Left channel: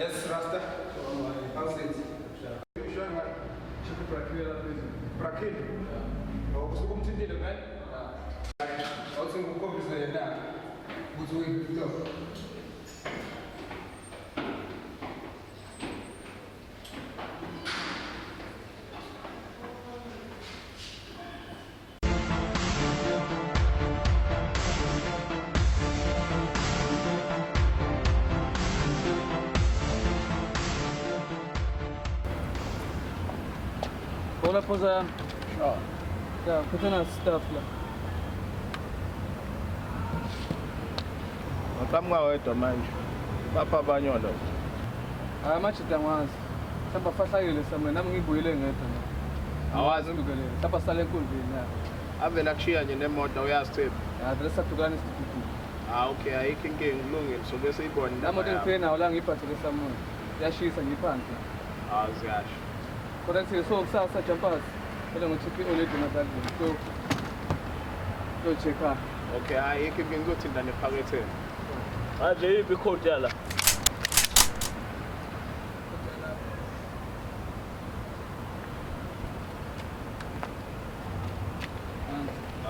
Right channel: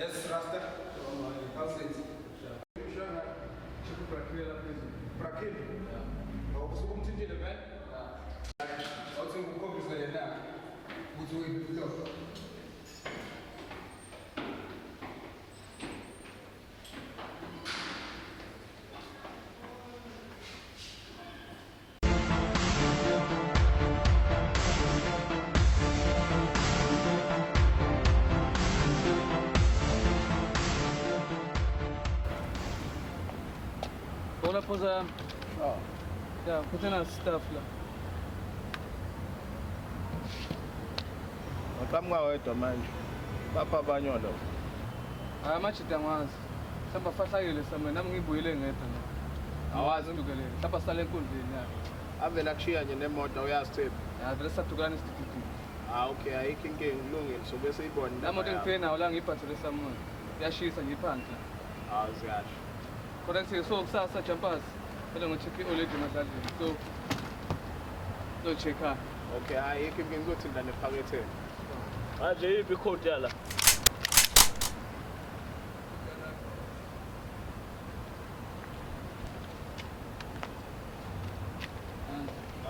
Yes, Rasta. How's it? Para quê? Você como se entende, né? Also, eu vou conversar na. Muito bem, Hola, poza. Ja, bitte na stafla. Kama wetu mai papa banyodo Machi tangwazi. Samba fasa ile samwe na ngibuyile ngedwa. awazi Ngibuyile. Samba sale enkundleni ya. ave nakushiya nje nemoto uyasithemba. Vele sahlukana isibhibhi. Okay, ayikho inkinga kulungile so bese ibone La moto ngifike nawo la ngiyiphathele samoya. Yashisa ngiphansi. awuziyala Kodwa size so kusasa jumpers. Kodwa ngochiphi oledi madadini. So check up. okay ayikho inkinga ukuthinta nephaketheni ade ipi code yala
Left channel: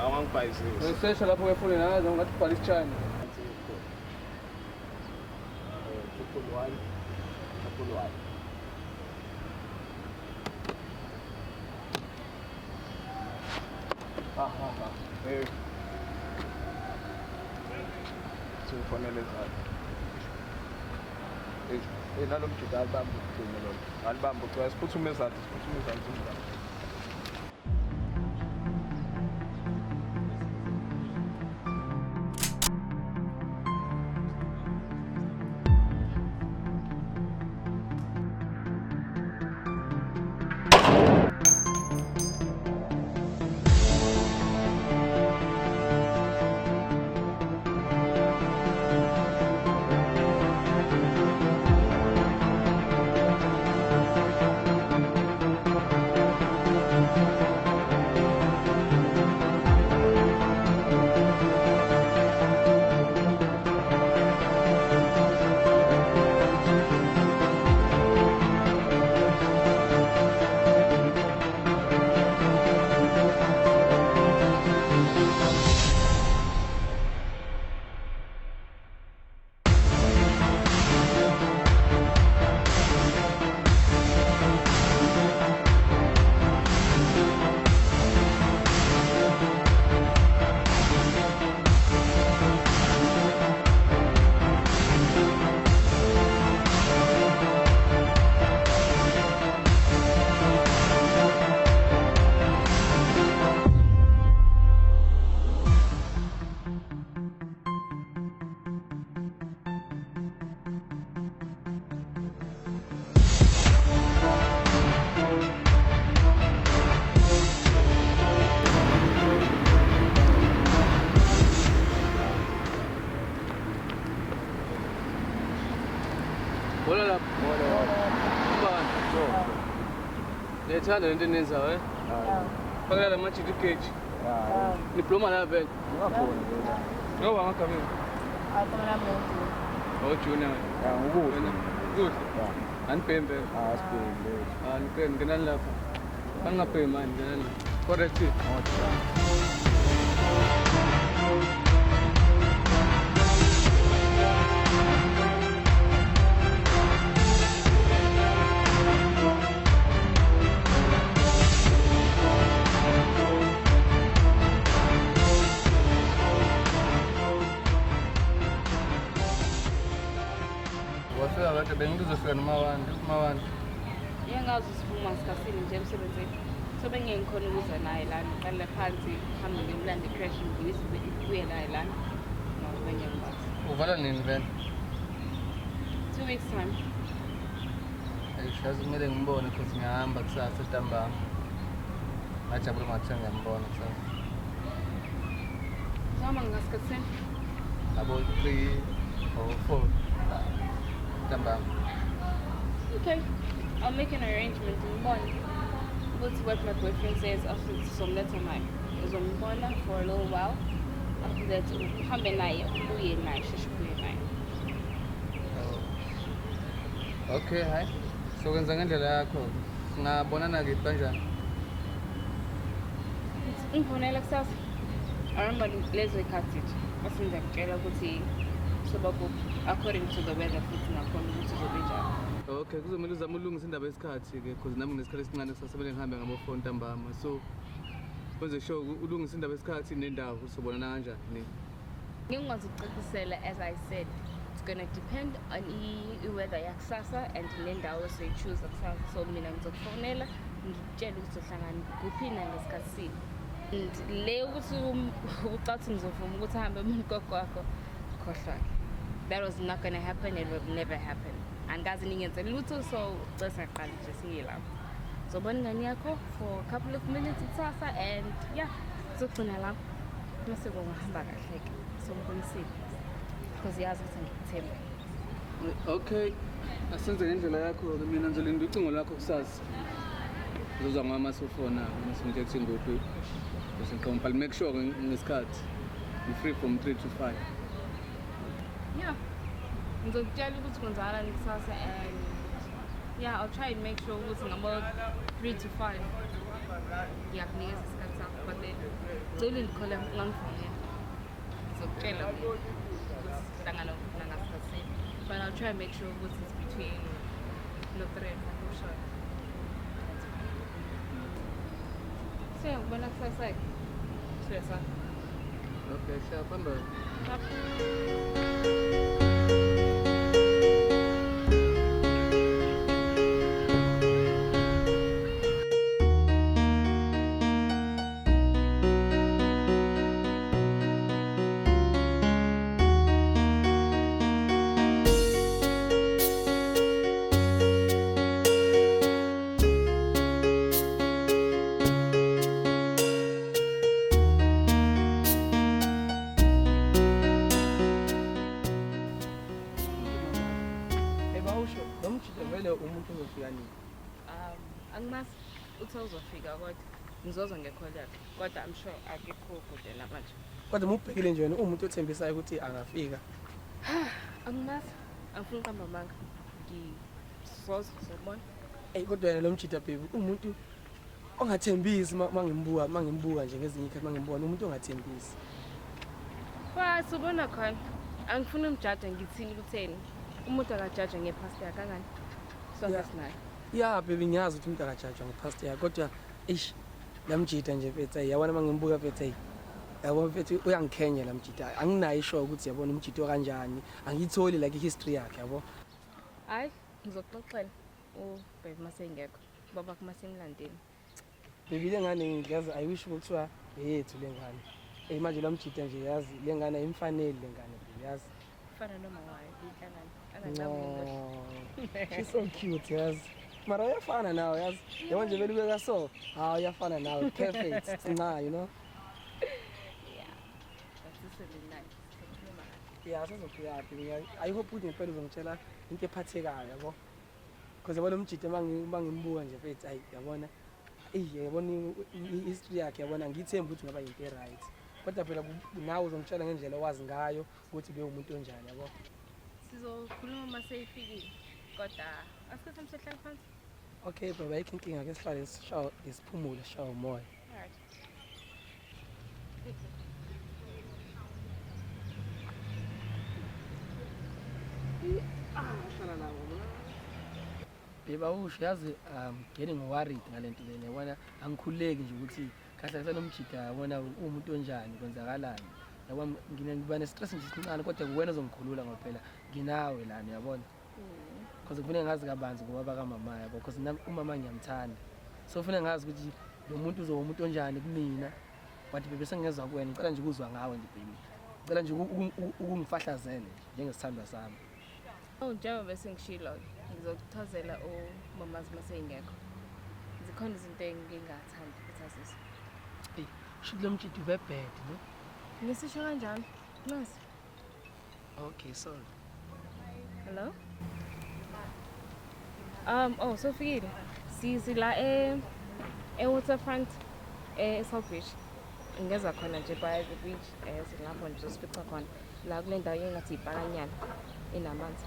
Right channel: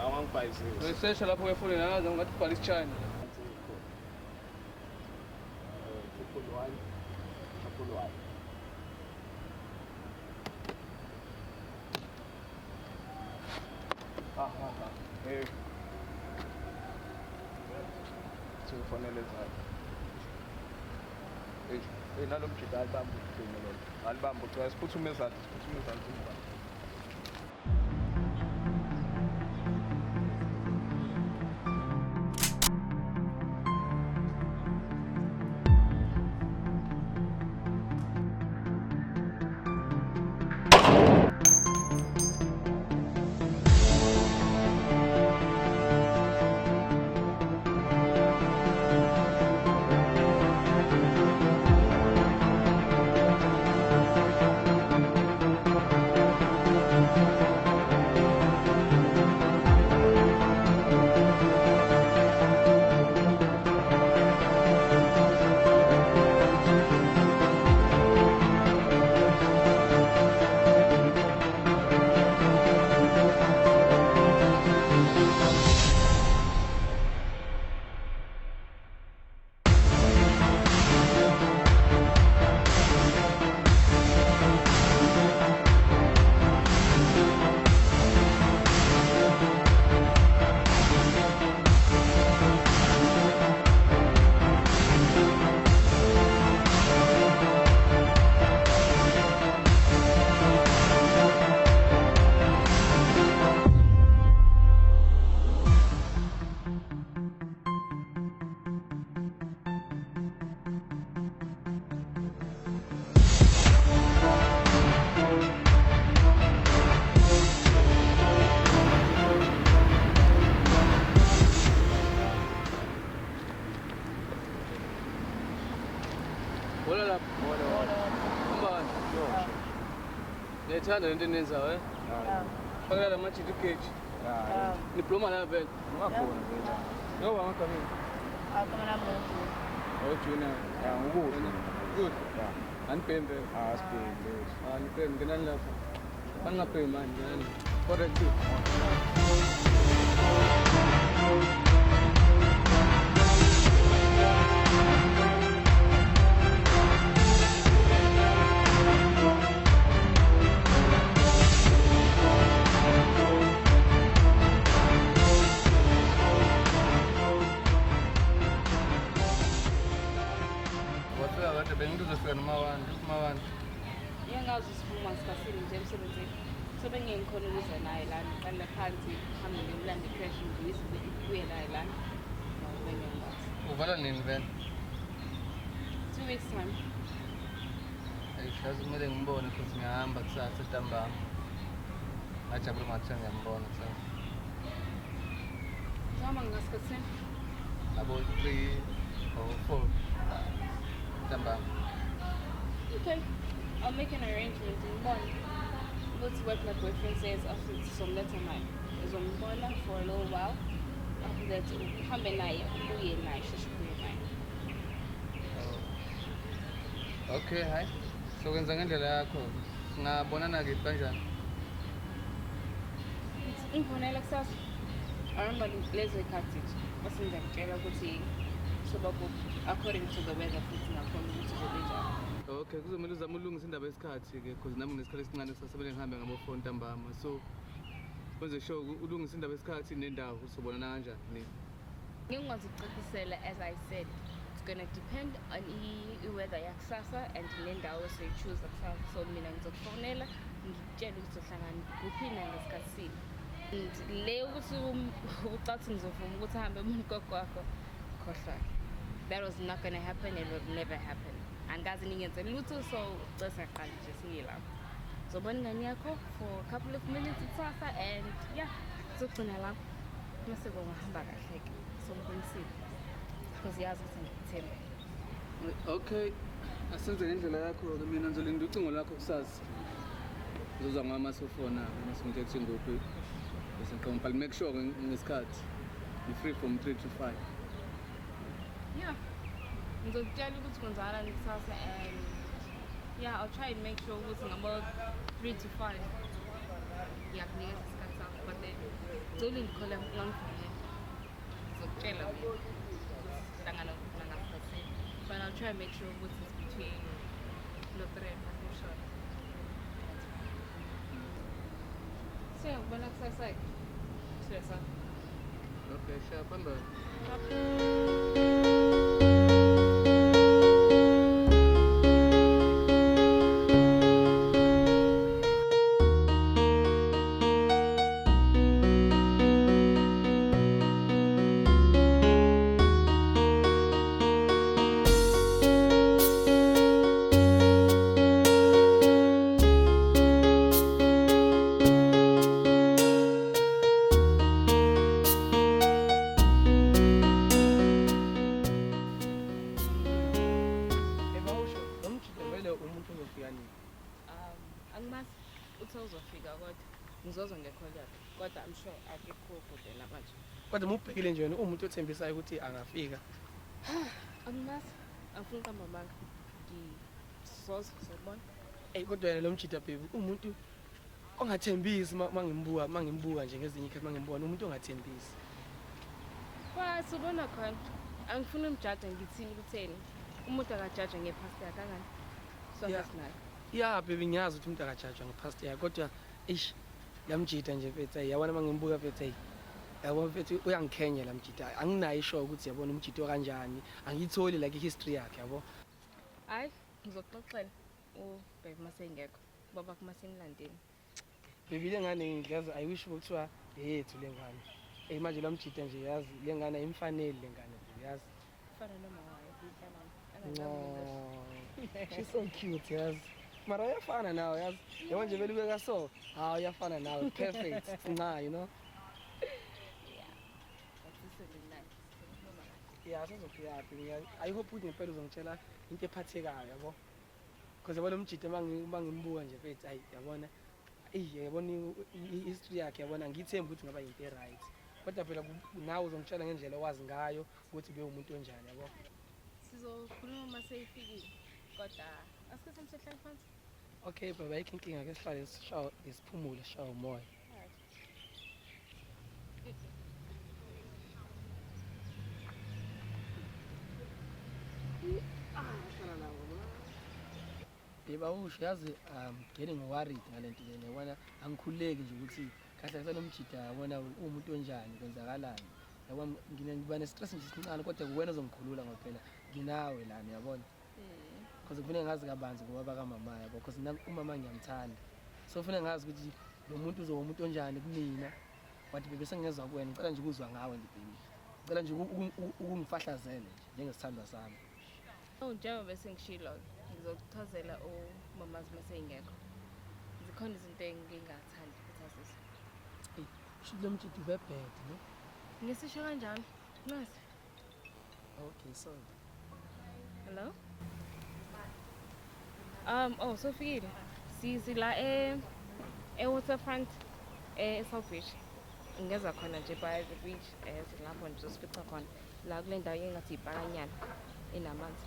awangibhayizile Wesesha lapho wefuna nazo ngathi bhala isichana. nalo mdudu alibambe ukugcinelo alibambe ukuthi siphuthume impilo Hola la. Lethanda lento eniyenzayo fakela manje kwi-page diploma la vele ngoba ngakho mina ojuna good anipembe anipembe ngenani lapho angaphi manje correct uvala nini vele 2 weeks time. sikazi kumele ngibone ukuthi ngihamba kusasa ntambama ngajabula ngathiwa ngiyambona Noma ngasikhathi abo 3 or 4 ntambama okay. I'll make an arrangement in the morning. We'll see what my boyfriend says after some letter mine. There's on corner for a little while. After that, come and lie. Do you nice? Okay, hayi. So kwenza ngendlela yakho. Ngabonana liphi kanjani? Ingifonela kusasa. Aramba lezo ikhathi. Bese ngizakutshela ukuthi sebabo according to the weather futhi nakhona ukuthi zobenjani. Okay, kuzomela uzame ulungisa indaba yesikhathi-ke because nami ngesikhathi esincane sasekumele ngihambe ngabo-4 ntambama. So kwenze sure ulungisa indaba yesikhathi nendawo sobonana kanjani. Ngingazicacisela as I said. It's gonna depend on i-weather yakusasa and nendawo esiyoyi-choose kusasa. So mina ngizokufonela ngikutshele ukuthi hlangana kuphini ngesikhathi sini. Le ukuthi ucathi ngizovuma ukuthi ahambe umkoko wakho khohlwa. That was not gonna happen and it would never happen. Angazi ningenze lutho so just aqala nje siyilapho. Zobona ingane yakho for a couple of minutes kusasa and yeah, sizogcina lapho. Bese ngiyastart okay. Simple. Because yazi ukuthi ngikuthele. Okay, asenze ngendlela yakho mina ngizole ngicingo lakho kusasa. Uzwa ngama sofona ngisingethe ngoku. Bese ngompa make sure ngesikhathi. You free from 3 to 5. Yeah. Ngizokutshela ukuthi kwenzakalani kusasa and yeah, I'll try and make sure ukuthi ngabo 3 to 5. Yeah, ngiyazithatha ngithole ngomfana. Ngizokutshela but I'll try and make sure ukuthi ngiphi no 3. Siyabona kusasa. Siyasa. Okay, siyabona. Angimazi uthi uzofika kodwa ngizoza ngekhona kodwa I'm sure I'll be cool for the manje. Kodwa ubhekile nje umuntu othembisayo ukuthi angafika. Angimazi angifuni ukuhamba manje. Ngifroze kuzobona. Kodwa yena lo mjida baby umuntu ongathembisi mangimbuka nje ngezinye ikhathi mangimbuka umuntu ongathembisi. Subona khona. Angifuni umjaja ngithini kutheni. Umuntu akajaja ngepast yakhe kanjani? Yeah. Yeah baby ngiyazi ukuthi umuntu akajajwa ngepast yakhe kodwa lamjida nje bethe yabona mangimbuka bethe yabona bethe uyangikhenya lamjida anginayo isho ukuthi yabona umjida kanjani angitholi like history yakhe yabo. Hayi ngizokuxoxela baby masengekho baba kumasenglandeni. Baby lengane ngiyazi I wish ukuthiwa yethu lengane. Manje lamjida nje yazi lengane imfanele lengane yazi. Fana noma She's so cute yazi. Mara yafana nawe yazi. Yabona nje belibeka so. Yafana nawe perfect. Nah, you know. Yeah, I hope ukuthi uqale ngitshela into ephathekayo yabo. Because yabona umjida mangimbuka nje bethu ayi yabona. Yabona history yakhe yabona ngithemba ukuthi ngaba into right. Kodwa phela nawe uzongitshela ngendlela owazi ngayo ukuthi leyo umuntu onjani yabo. Sizokhuluma maseyifikile kodwa asithathe umsehlala phansi. Okay baba ayikho inkinga ke sihlale siphumule sihlale umoya. Yeba usho yazi getting worried ngalento le yabona angikhuleki nje ukuthi kahle kahle nomjida yabona umuntu onjani kwenzakalani yabona ngiba nestress nje sincane kodwa kuwena uzongikhulula ngophela nginawe lana yabona because ufuna ngazi kabanzi ngoba kamama yabo because umama ngiyamthanda so ufuna ngazi ukuthi lo muntu uzoba umuntu onjani kumina but bese ngeza kuwena ngicela nje ukuzwa ngawe ngidini ngicela nje ukungifahlazele njengesithando sami. Njengoba bese ngishilo ngizokuchazela umamazi masengekho. Zikhona izinto engingathandi ukuthi azizwe. Shilo mjida ubebhede no? Ngisisho kanjani? Nasi. Okay, sorry. Hello? Sofikile. Sizila Waterfront eSouthbridge. Ngeza khona nje by the beach. Silapho nje sifica khona. La kunendawo engathi ibhakanyana enamanzi.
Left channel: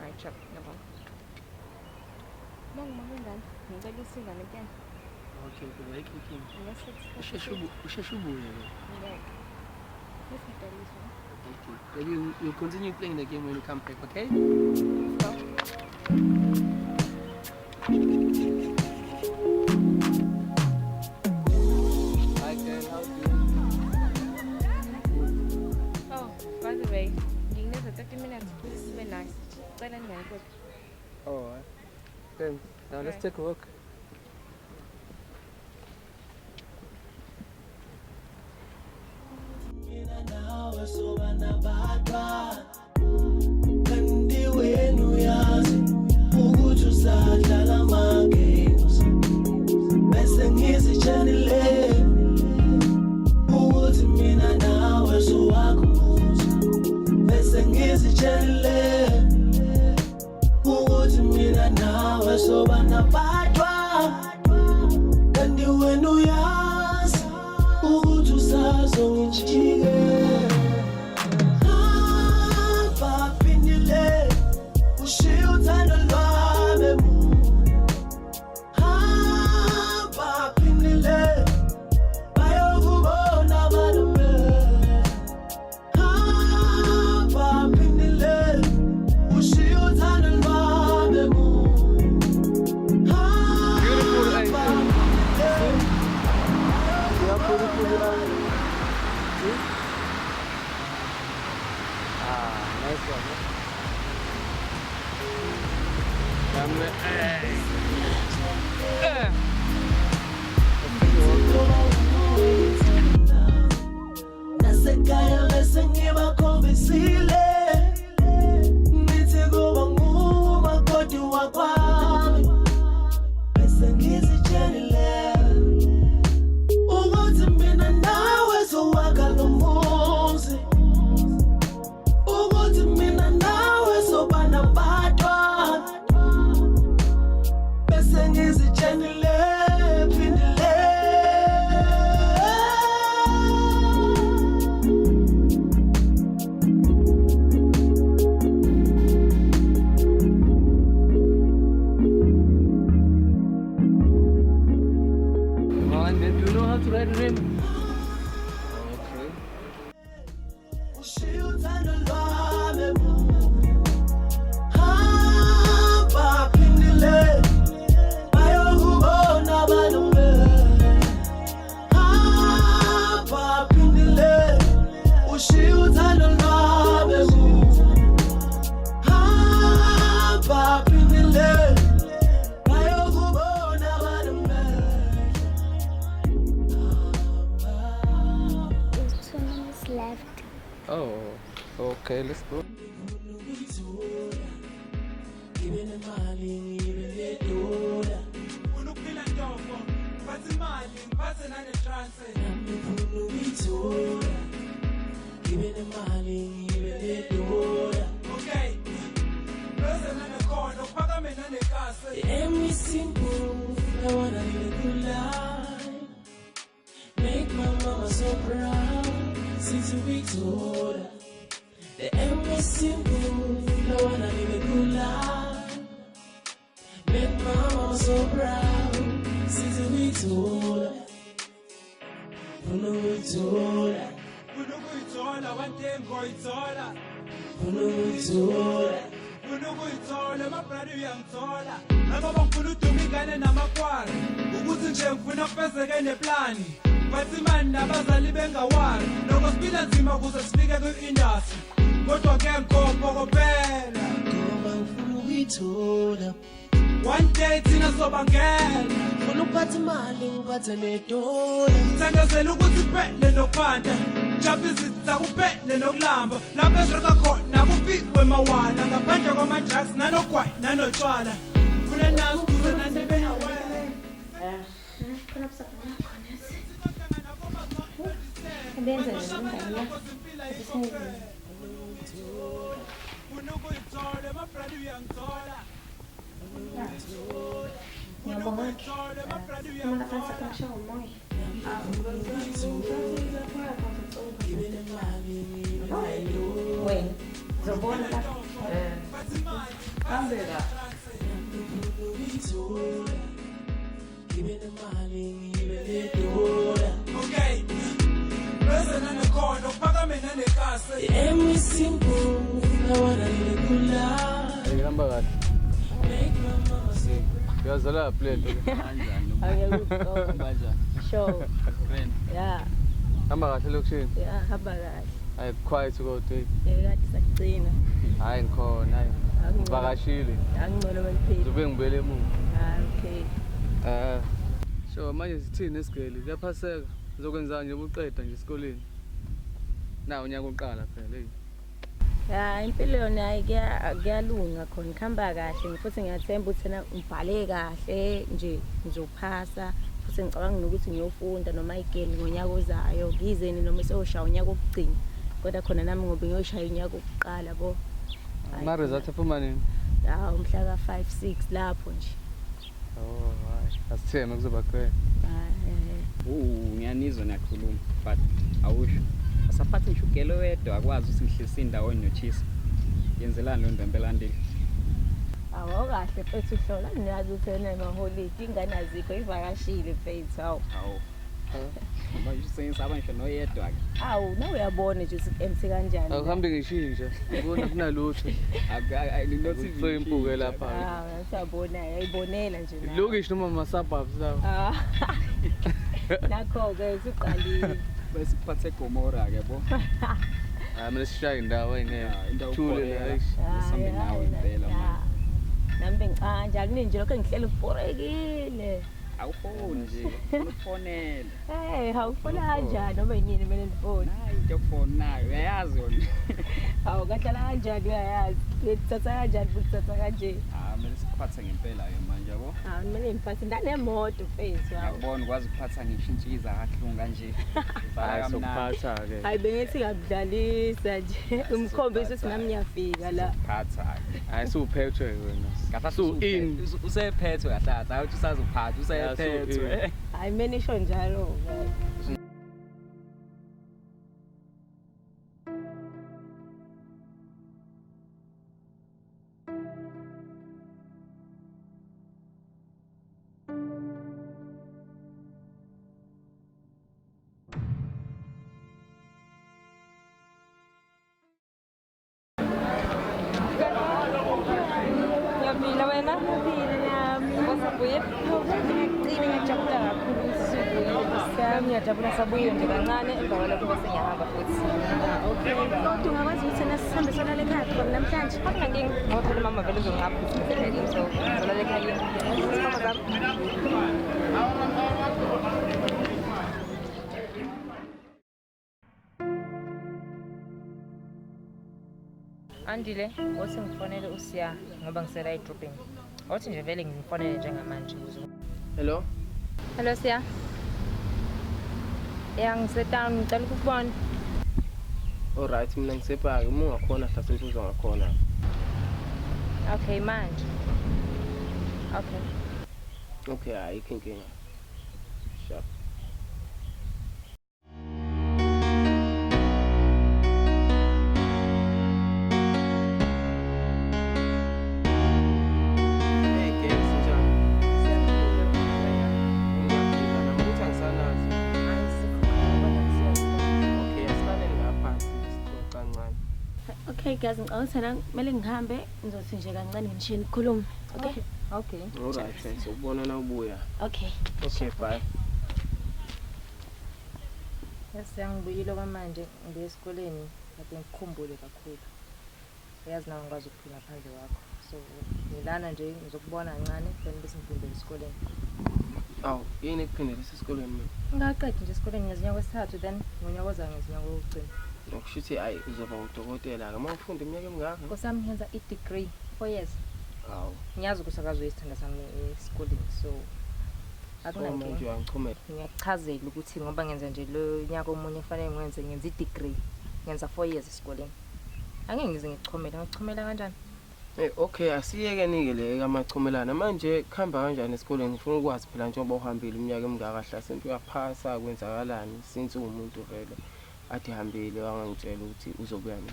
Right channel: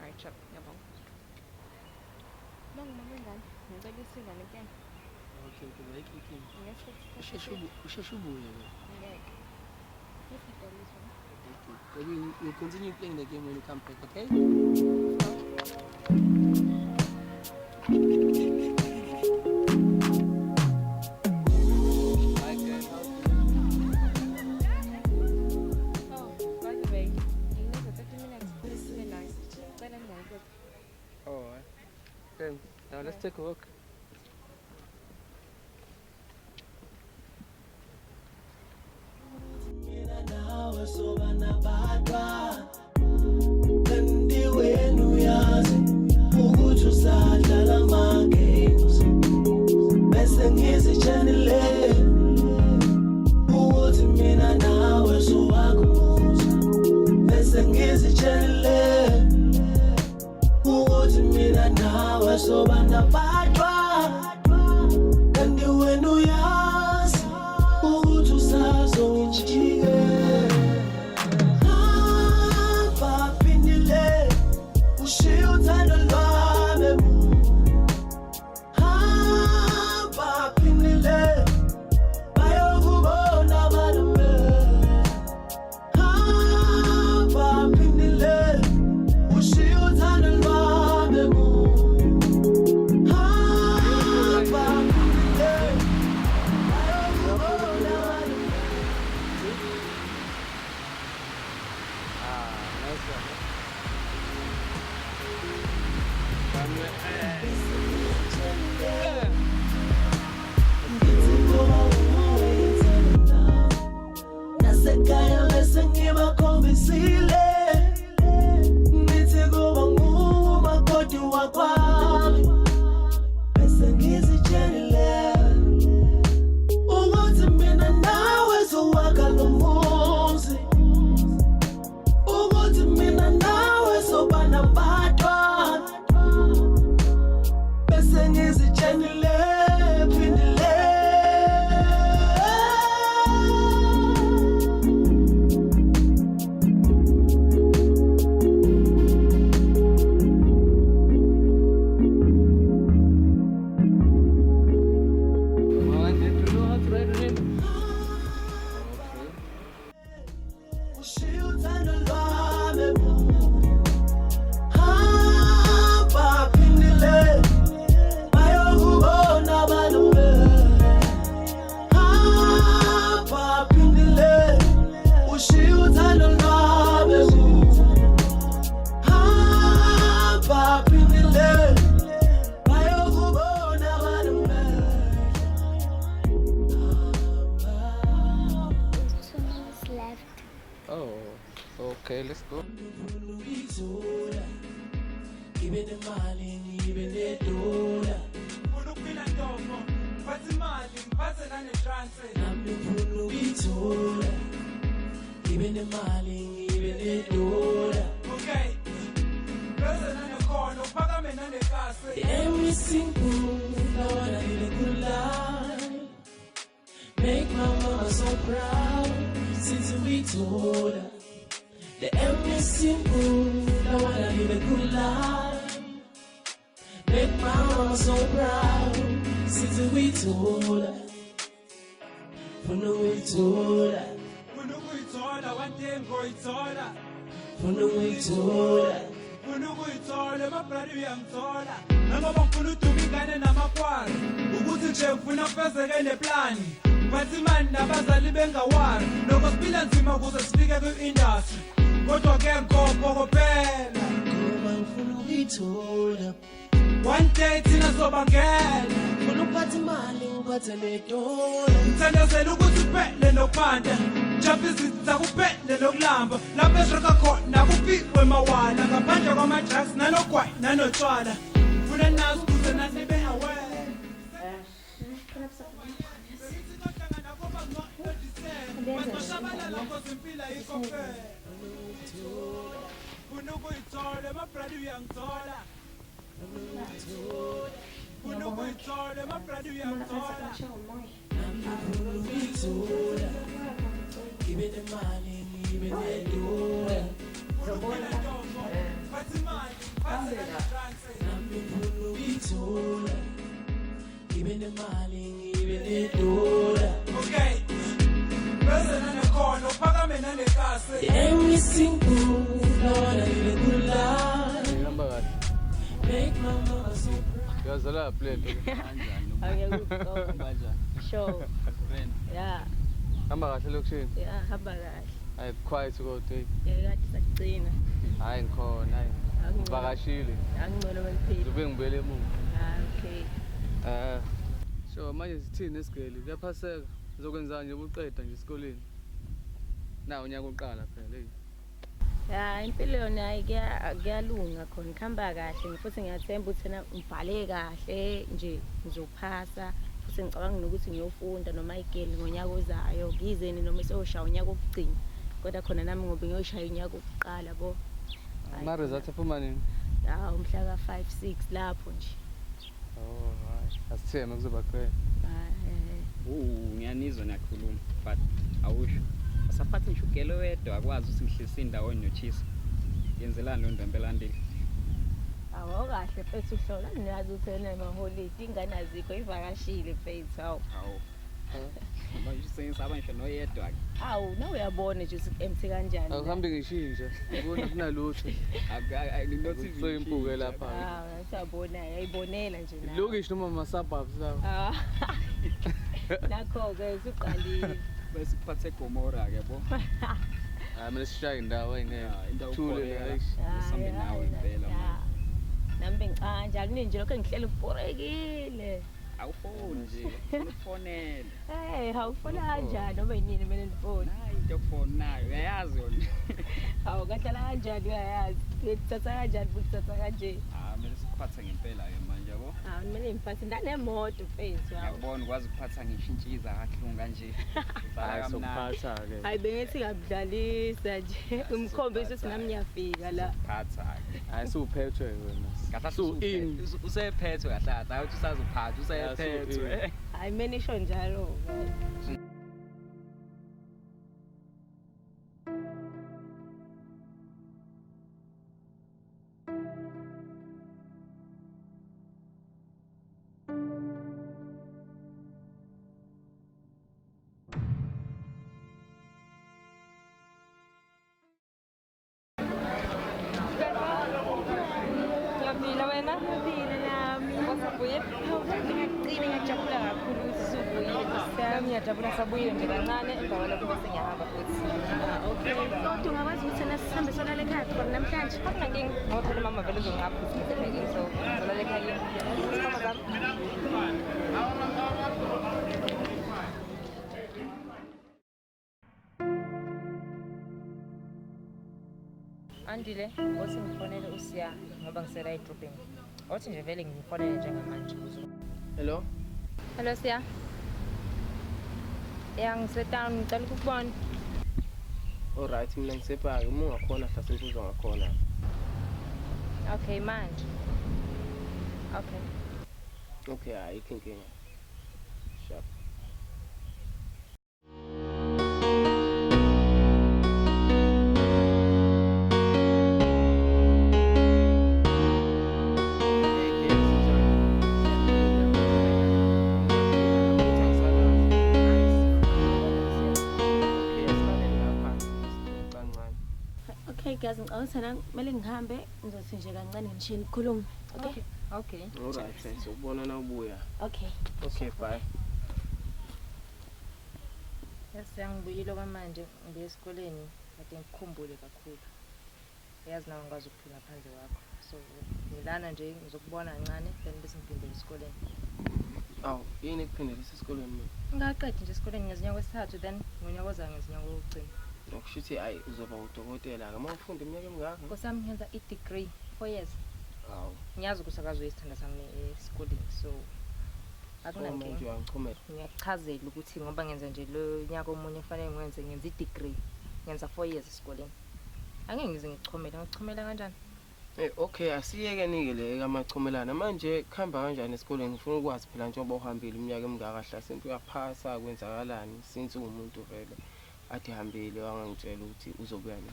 Right up. ngicela isiza ngempela. Okay, right. Unless it's Usheshe ubuye. Okay. Then you continue playing the game when you come back, okay? Oh, by the way, nginikeza 30 minutes. Very nice. Ngicela ngiyakuthi. Oh, thanks. Now let's take a walk. Mina nawe sobana badwa kanti wena uyazi ukuthi usadlala ama-games bese ngizitshelile ukuthi mina nawe sowakhumuza bese ngizitshelile ukuthi mina nawe sobana badwa kanti wena uyazi ukuthi usazongijike hamba phindile ushiye uthando lwami hamba phindile bayokubona abaname hamba phindile ushiye uthando lwami hamba phindile bayokubona abaname. Nasekhaya bese ngibakhombisile ngithi kuba ngumakoti wakwami bese ngizitshelile ukuthi mina nawe sowakha lo muzi ukuthi mina nawe soba nabantwana bese ngizitshelile phindile ushiye uthando lwami hamba phindile bayokubona abaname hamba phindile ushiye uthando lwami hamba phindile bayokubona abaname Oh, okay, let's go. Ngithola ngibe nemali ngibe nedola Ufuna ukuphila ntofo, ngiphathe imali, ngiphathe nane-transfer. nami ngifuna ukuyithola ngibe nemali ngibe nedola Okay. Bese nanekhono, kuphakame nanekase. the aim is simple I wanna live a good life make my mama so proud since we told her the aim is simple I wanna live a good life make my mama so proud since we told her funa ukuyithola Ufuna ukuyithola, one day ngoyithola. funa ukuyithola Ufuna ukuyithola, emabradi uyangithola. Nangoba ngifuna uduma ingane namakwari. Ukuthi nje ngifuna kufezeke neplani. Ngiphathe imali nabazali bengawari. Noko siphila nzima ukuze sifike kwi-industry. Kodwa ke ngikhophela. ngoba ngifuna ukuyithola One day thina sobangena. funa ukuphatha imali ngiphathe nedola Ngithandazela ukuthi kuphele nokuphanda. Jump izitha kuphele nokulamba. Lapho esireka khona kufikwe mawala. Ngaphandle kwama-drugs nanogwayi nanotshwala. Ngifuna nazi ukuze nanibe aware. Funa ukuyithola, emabradi uyangithola. Funa ukuyithola, emabradi uyangithola. nami ngifuna ukuyithola ngibe nemali ngibe nedola Funa ukuphila ntofo, ngiphathe imali, ngiphathe nane-transfer. nami ngifuna ukuyithola kahle. The aim is simple, I wanna live a good life. Ngihamba kahle. Make my mama so proud. Uyazala plate. Sure. Yeah, Hamba kahle lokushini. yeah, hamba kahle. Hayi quiet kodwa. Ngathi sakugcina. Hayi ngikhona hayi. Vakashile. Angibona bayiphila. Ube ngibele emuva. Okay. So manje sithini esigeli? Kuyaphaseka. Uzokwenza nje ubuqeda nje esikoleni. Na unyaka oqala phela hey. Ya impilo yona kuyalunga khona khamba kahle futhi ngiyathemba ukuthi na ngibhale kahle nje ngizophasa futhi ngicabanga ukuthi ngiyofunda noma igeni ngonyaka ozayo ngizeni noma sewushaya unyaka okugcina kodwa khona nami ngobe ngiyoshaya unyaka okuqala bo Ma result aphuma nini? hawo mhla ka 5 6 lapho nje Oh, asitheme kuzoba great. Ngiyanizwa nakhuluma but awusho asaphathe inhlugelo wedwa akwazi usihlisa indawonye nothisa yenzelana nendembelandeni awu kahle mfethu hlola ngiyazi ukuthi wena noholidi ingane azikho ivakashile mfethu hawu manje sengisaba ngisho noyedwa awu nawe uyabona nje ukuthi emse kanjani Akuhambe ngishintsha. Ubona kunalutho. lilothi Soyimpuke lapha. Siyabona yayibonela nje nawe. Lokish noma ama-suburbs lawo. Nakho-ke siqalile besiphathe Gomora ke bo Manje sishaya indawo engeke. indawo Thule khona. hayi. nami bengicanja kuninje lokho engihleli uforekile awufoni nje ufonela hawufona kanjani noma yini kumele ndifone hayi ke phone nayo uyayazi wona hawu kahlala kanjani uyayazi ngithatha kanjani futhi thatha kanje manje siphathe ngempela ke manje yabo kumele ngiphathe ndanemoto mfethu hawu ngibona ukwazi ukuphatha ngishintshikiza kahle kanje Hayi sokuphatha ke. hayi bengithi ngakudlalisa nje umkhombisa ukuthi nami ngiyafika la phatha Hayi suphethwe wena. ngapha in. usephethwe kahlala hayi usaziphatha usephethwe hayi mina isho njalo ngiyajabula sabuye kancane endaweni yokuba singahamba futhi okay so ungakwazi ukuthi nasihambisana lekhaya khona namhlanje ngoba mama vele uzongapha Andile, wathi ngifonele usiya ngoba ngisela edrobheni. Wathi nje vele ngifonele njengamanje. hello Hello Siya. Ngisetama ngicela ukubona. alright mina ngisebhaki uma ungakhona hlathe uzongakhona Okay manje. Okay. okay ayikho inkinga sure Okay guys, ngicela kumele ngihambe ngizothi nje kancane ngishiye nikhuluma. Okay. Okay. alright sokubona na ubuya Okay. okay bye Siyangibikile kwamanje ngiye esikoleni kodwa ngikhumbule kakhulu. Uyazi nawe ngikwazi ukuphila phandle yakho. So ngilana nje ngizokubona kancane then bese ngifundele esikoleni. awu yini ekuphindela esikoleni mina Ngaqeda nje esikoleni ngezinyanga wesithathu then ngonyaka ozayo ngezinyanga wokugcina. ngokushuthi hayi uzoba udokotela-ke uma ufunda iminyaka emingaka Kusami ngenza i-degree 4 years. hawu Ngiyazi ukuthi akazi isithanda sami esikoleni so manje akunankinga. uyangichumela Ngiyakuchazela ukuthi ngoba ngenza nje lo nyaka omunye kufanele ngenza i-degree ngenza 4 years esikoleni. Angeke ngize ngichomela ngichomela kanjani? okay asiyeke-ke le kamachumelana manje kuhamba kanjani esikoleni ngifuna ukwazi phela njengoba uhambile iminyaka emingaka hlase into uyaphasa kwenzakalani since uwumuntu vele ade hambile wangangitshela ukuthi uzobuya nini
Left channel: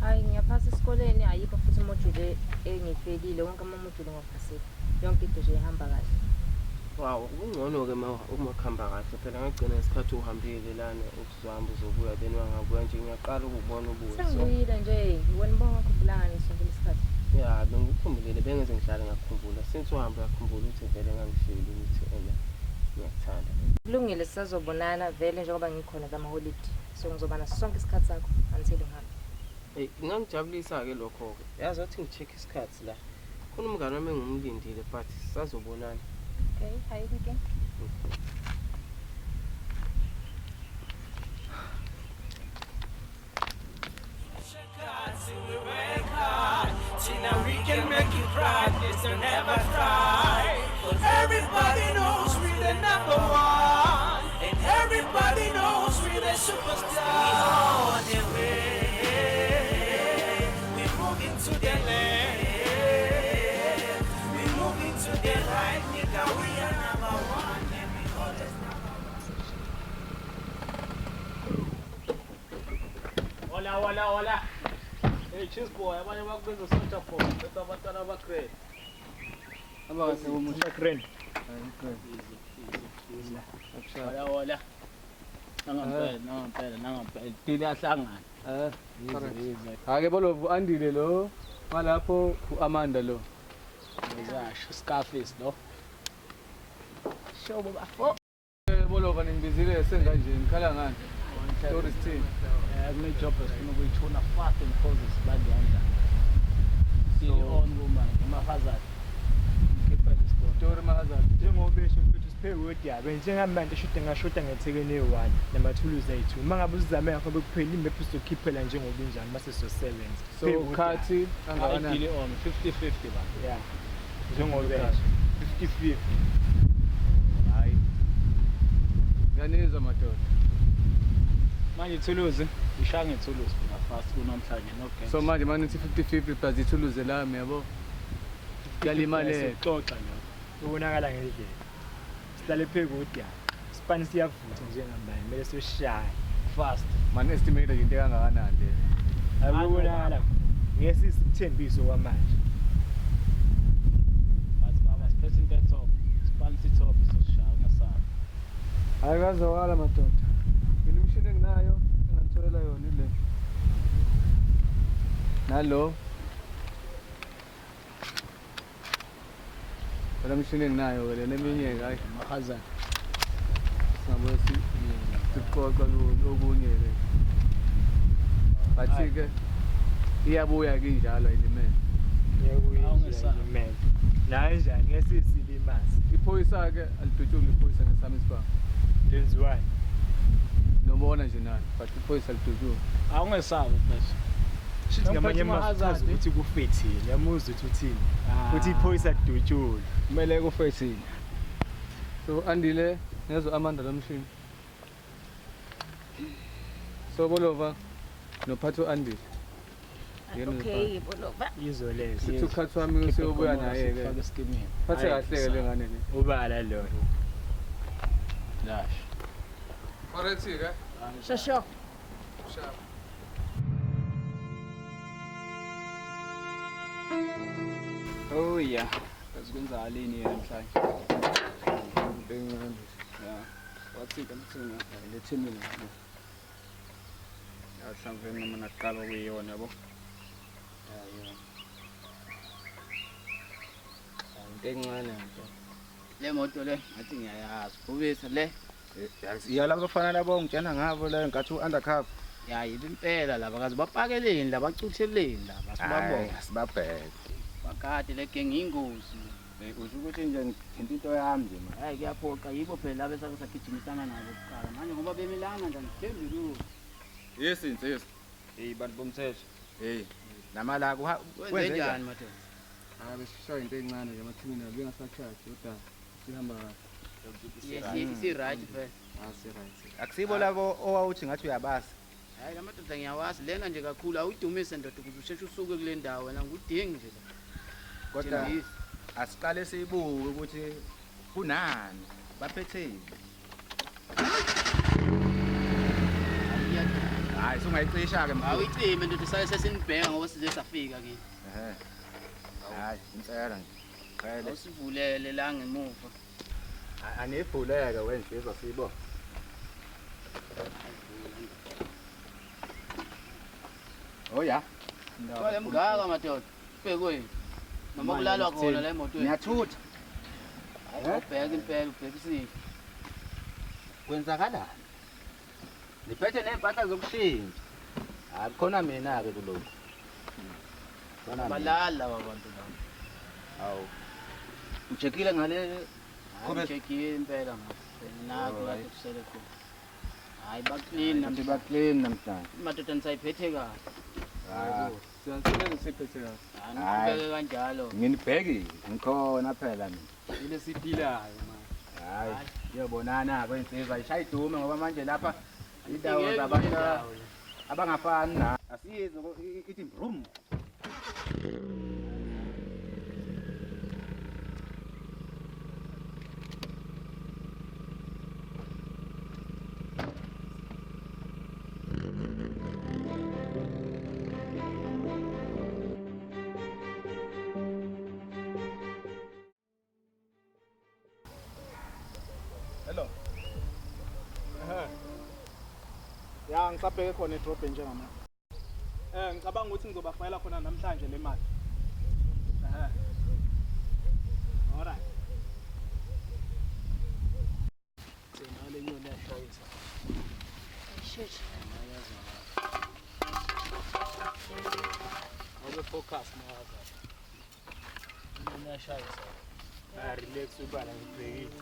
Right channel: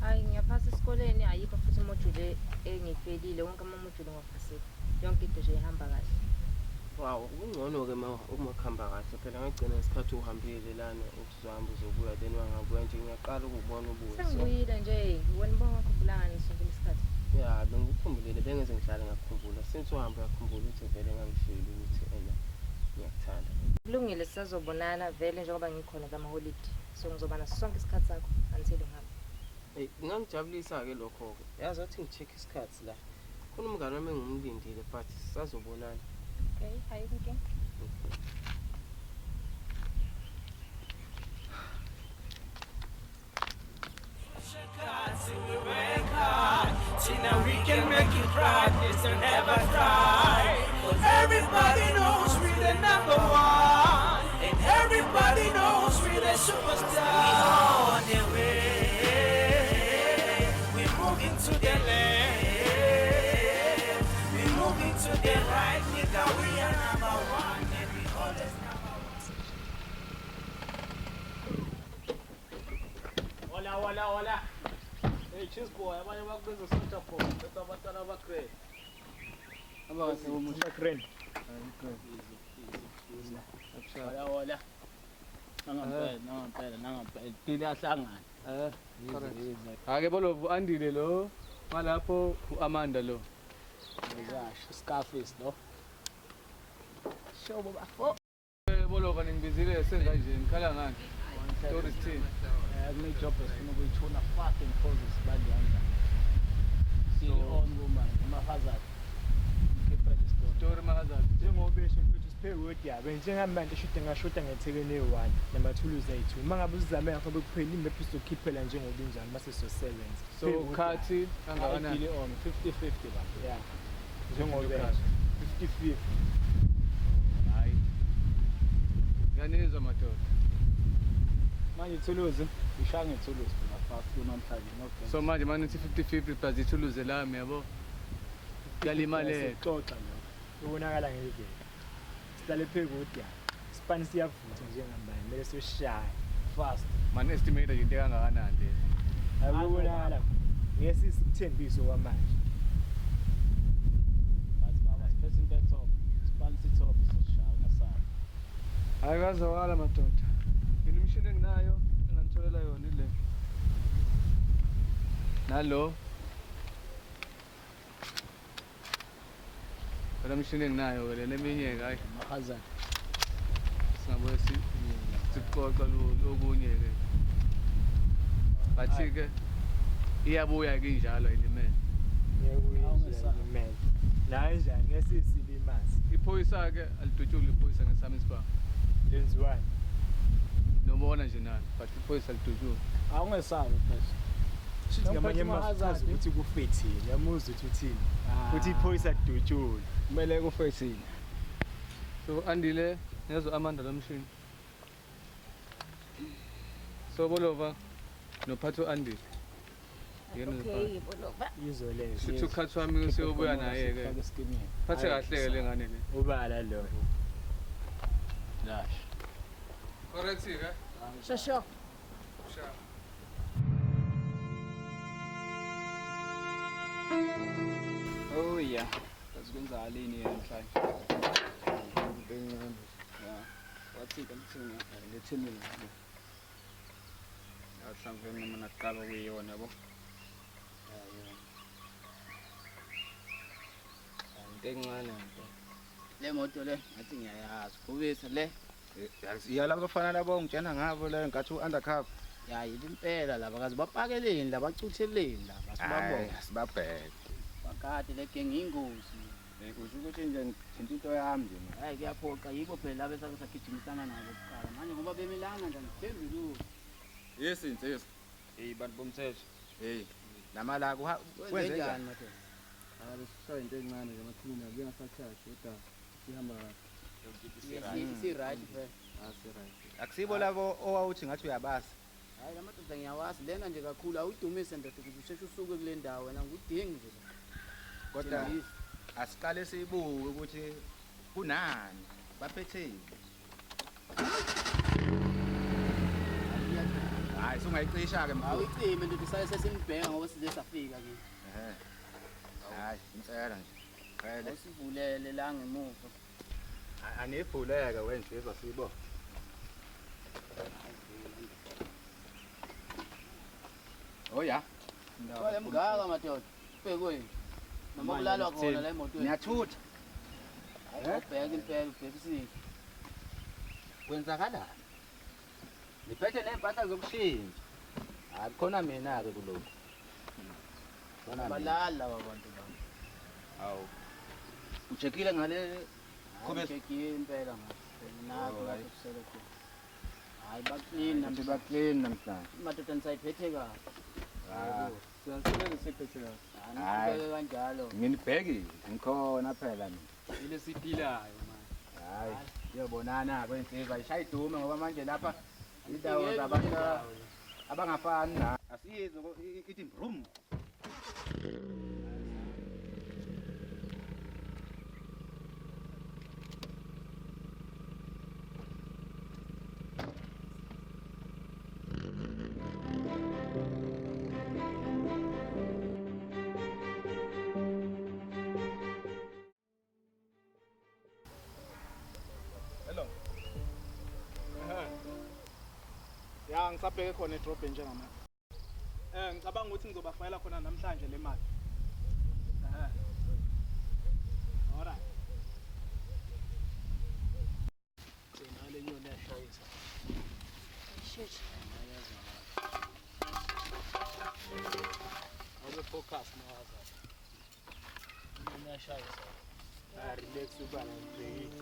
Hayi ngiyaphasa esikoleni ayikho futhi imotive engifelile wonke amamodule ngaphasile. Yonke into nje ihamba kahle. wow kungcono-ke uma kuhamba kahle phela ngagcina isikhathi uhambile lana ukuhamba uzobuya then wangabuya nje ngiyaqala ukubona ubuso. Sengibuyile nje, wena bonke ukhumbulanga ngesonto lesikhathi. Ya, bengikhumbulile bengeke ngihlale ngakhumbula. Sengihambe ngakhumbula ukuthi vele ngangifeyile ukuthi ngiyathanda. Kulungile sisazobonana vele njengoba ngikhona kama-holiday. So ngizoba naso sonke isikhathi sakho until ngihambe. Kungangijabulisa-ke lokho-ke. Yazi wathi ngi-check-e isikhathi la. Khona umngane wami engimlindile but sisazobonana. Okay, hi people. We work hard, see now we can make it right. This will never try. Everybody knows we're the number one, and everybody knows we're the superstar. We on the way, we moving to the left, we moving to the right. Nigga, we are number one, and we always number one. Hola. Hey, cheers boy, abanye bakubenza socha boy. Bese abantwana abakre. Abakahle umuntu akren. Hola. Nangampela. Phila ahlangana. Ake bolo andile lo. Malapho uAmanda lo. Ngiyasho Scarface lo. Shobo bafo. Bolo kaningizile senza nje ngikhala ngani. Sorry team. Akunejob esinokuyichona fast and causes badanda. So on woman, mahazard. Story mahazard. Njengoba esho ukuthi siphe word yabe njengamanje ngashoda ngethekene 1 namathuluzi ethu. Uma ngabe uzame ngapha bekuphela imap uzokhiphela njengobunjani mase sosebenza. So ukhathi kangakanani? Ideally on 50-50 bantu. Yeah. Njengoba 50-50. Hayi. Yanizwa madoda. Manje ithuluzi, ngishaya ngethuluzi mina fast kunamhlanje no game. So manje manithi 50-50 plus ithuluze lami yabo. Yalimale. Sixoxa nje. Ubonakala ngendlela. Sihlale phekude. Span siyavutha njengamanje. Mele soshaya fast. Man estimate into kangakanani nje. Ayibonakala. Ngesisi uthembiso kwamanje. Baba siphethe into top. Spansi top soshaya masaka. Ayikazwakala madoda. Nginemishini enginayo engangitholela yona ile. Nalo. Phela imishini enginayo ke leminye ke hayi Mahazard. singabuye siqoqa lokunye ke. Bathi ke iyabuya ke injalo nje mina. Awungesana. Naye njani ngesisilimazi. Iphoyisa ke alidutshunga iphoyisa ngesami isibanga. That's why. Nobona nje nayo but iphoyisa alidutshunga. Awungesabi mfethu. Shithi ngamanye amachaza ukuthi kufethile. Yamuza ukuthi uthini. Uthi iphoyisa lidutshule. Kumele kufethile. So andile nezo Amanda lomshini. So bolova nophatho andile. Okay, boloba. Izoleza. Sithi ukhathi wami useyobuya naye ke. Phathe kahle ke lengane ke. Ubala lo. La. Correct ke? Shasho. Sharp. Oh yeah. Kwenzakalini namhlanje? Wathi kamthini lethini ngapha. Asamveni noma ngaqaba kuyona yabo. Encane nje. Le moto le ngathi ngiyayazi. Ubethu le. Yala bafana labo ngitshena ngabo la ngathi u-undercover. Ya impela laba kazi bapakeleni laba bacutheleni laba sibabona. Sibabheke. Bakade le gang ingozi. Usho ukuthi nje impilo yami nje. Hayi kuyaphoqa yibo phela laba esakusagijimisana nabo kuqala. Manje ngoba bemelana nje ngiphezulu. Yes insizwa. Bantu bomthetho. Hey. Namala Wenze njani madoda? Sisho into encane nje mathina bengasachazi kodwa sihamba Yes, si right bro. right. akusibo labo owawuthi ngathi uyabazi. Hayi la madoda ngiyawazi lenga nje kakhulu awudumise ndoda ukuze usheshe usuke kule ndawo wena ngudingi nje. Kodwa asiqale sibuke ukuthi kunani baphetheni. Hayi sungayicisha ke mfowethu. Awuyicime ndoda sake sesinibheka ngoba size safika ke. Hayi impela nje. Qale Usivulele la ngemuva. anivuleke wensizwa siyibona. Oh ya. Wale mngaka madoda. Bhekweni. Noma kulalwa khona la emotweni. Ngiyathutha. Ubheka impela ubhekisile. Kwenzakala. Ngiphethe nempahla zokushintsha. Akukhona mina ke kulokho. Balala abantu laba. Hawu. Ngijekile ngale Check-in impela nakho la kusele khona. Hayi baclean namhlanje baclean namhlanje. Madoda nisayiphethe kahle. Siyasebenza siphethe kahle. Anibheke kanjalo. Nginibheki ngikhona phela mina. Ile siphilayo. Hayi, uyabonana kwensizwa ishaya idume ngoba manje lapha indawo zabantu abangafani na. Asiyizwe ithi brum. Ya ngisabheke khona edrobhe njengamanje. Ngicabanga ukuthi ngizobafayela khona namhlanje le mali. Alright. Senale nyoni yashayisa. Ngabe focus ngapha. Nyoni yashayisa. Relax ubala breathe.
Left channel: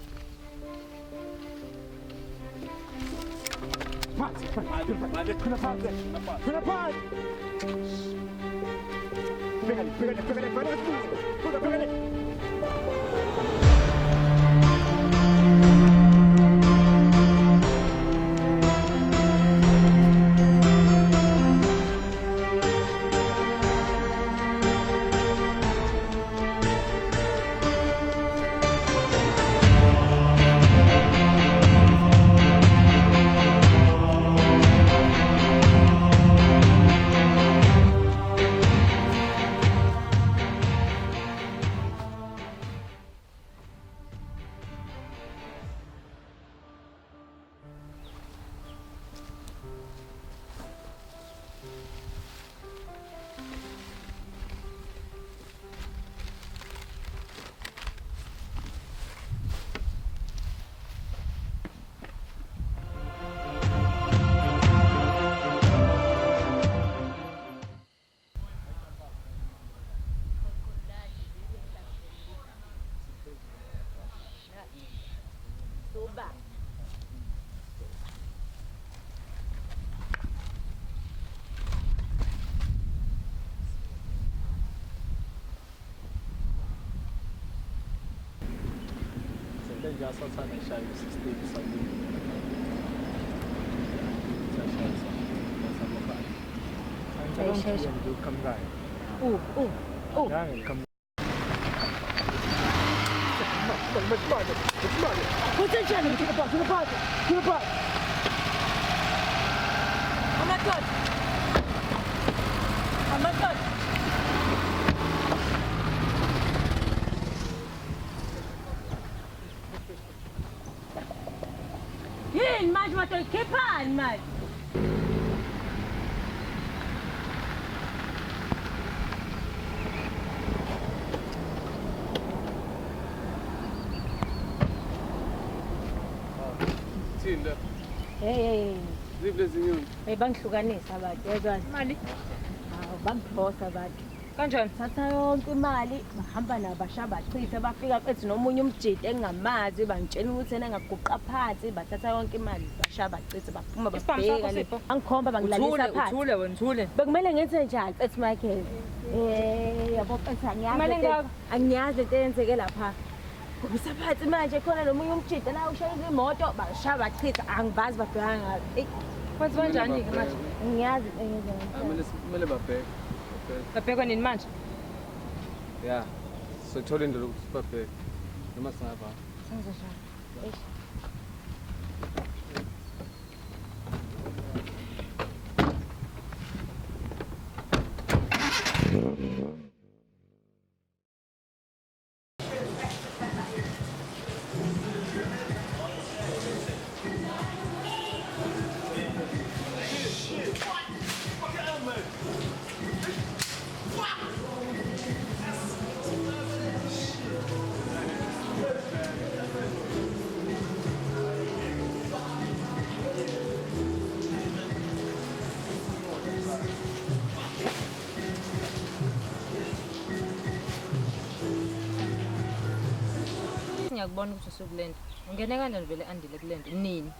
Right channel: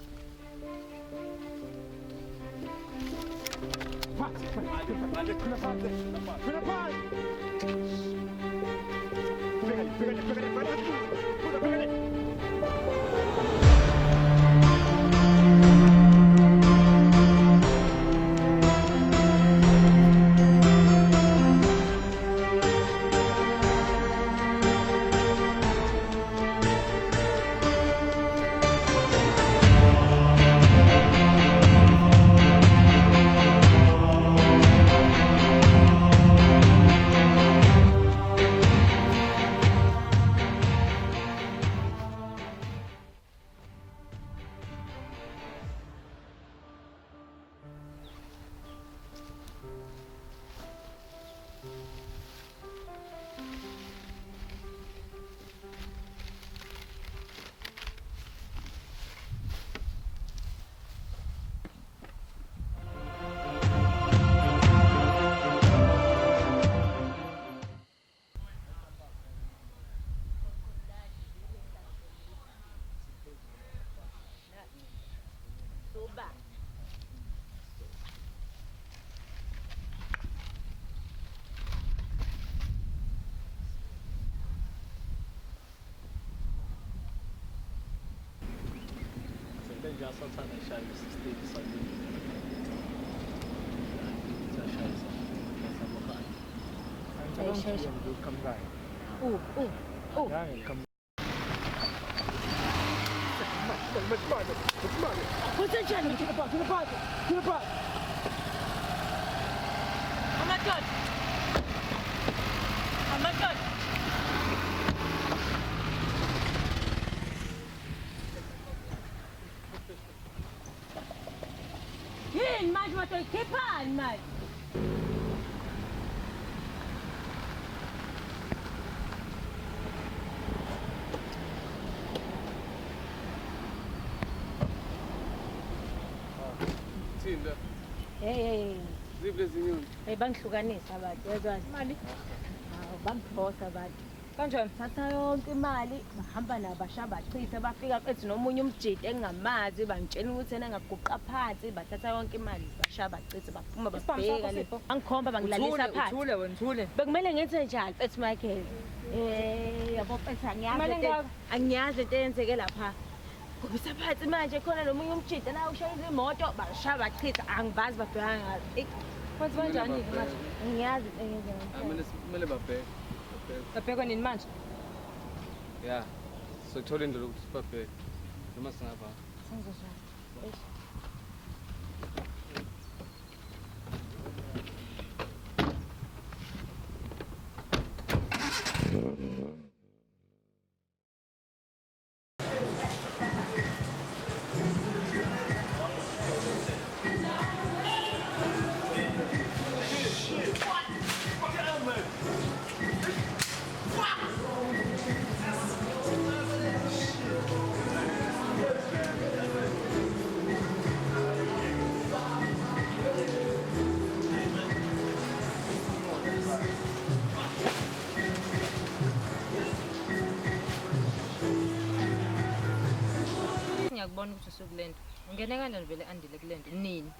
Yini manje watoyikhiphani manje? Hey bangihlukanisa abantu yezwana. Imali? Bangiphosa abantu. Kanjani? Thatha yonke imali bahamba nabasha bachitha bafika ethi nomunye umjidi engingamazi bangitshela ukuthi yena ngaguqa phansi bathatha yonke imali basha bachitha baphuma babheka angikhomba bangilalisa phansi. Thule. Bekumele ngenze njani ethi Michael? Yabo phansi angiyazi into eyenzeke lapha. Ngisaphathi manje khona nomunye umjidi la ushayela imoto basha bachitha angibazi babheka ngazi. Kwenza kanjani ke manje? Ngiyazi Kumele babheke. babhekwa nini manje? Ya. Sothola indlela ukuthi babheke. Noma singaba. Senze njani? Shit! What? Fuck it out, man! kulento ungene kanjani vele andile kulento nini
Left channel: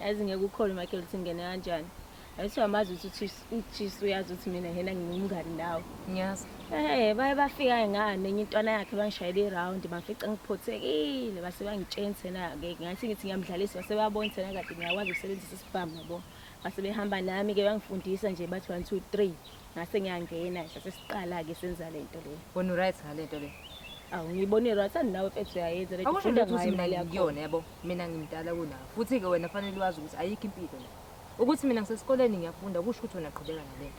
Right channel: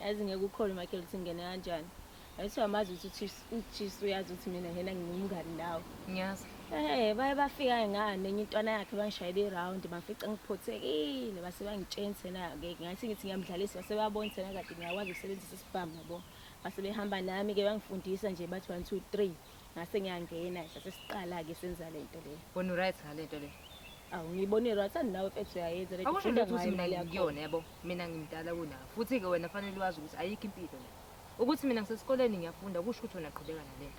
yazi ngeke ukhole makhe ukuthi ngene kanjani ayithi amazi ukuthi uyazi ukuthi mina ngena ngingumngani nawe ngiyazi baye bafika ngane enye intwana yakhe bangishayela i-round bafica ngiphothekile base bangitshenise na-ke ngathi ngithi ngiyamdlalisa base babona thina kade ngiyakwazi ukusebenzisa isibhamu yabo base behamba nami-ke bangifundisa nje bathi 1 2 3 ngase ngiyangena sase siqala-ke senza le nto leyo wena uright ngale nto le awu ngiyibone right andinawe mfethu uyayenza awufunda ukuthi imali yakuyona yabo mina ngimdala kunawo futhi-ke wena fanele wazi ukuthi ayikho impilo la ukuthi mina ngisesikoleni ngiyafunda kusho ukuthi wena qhubeka ngale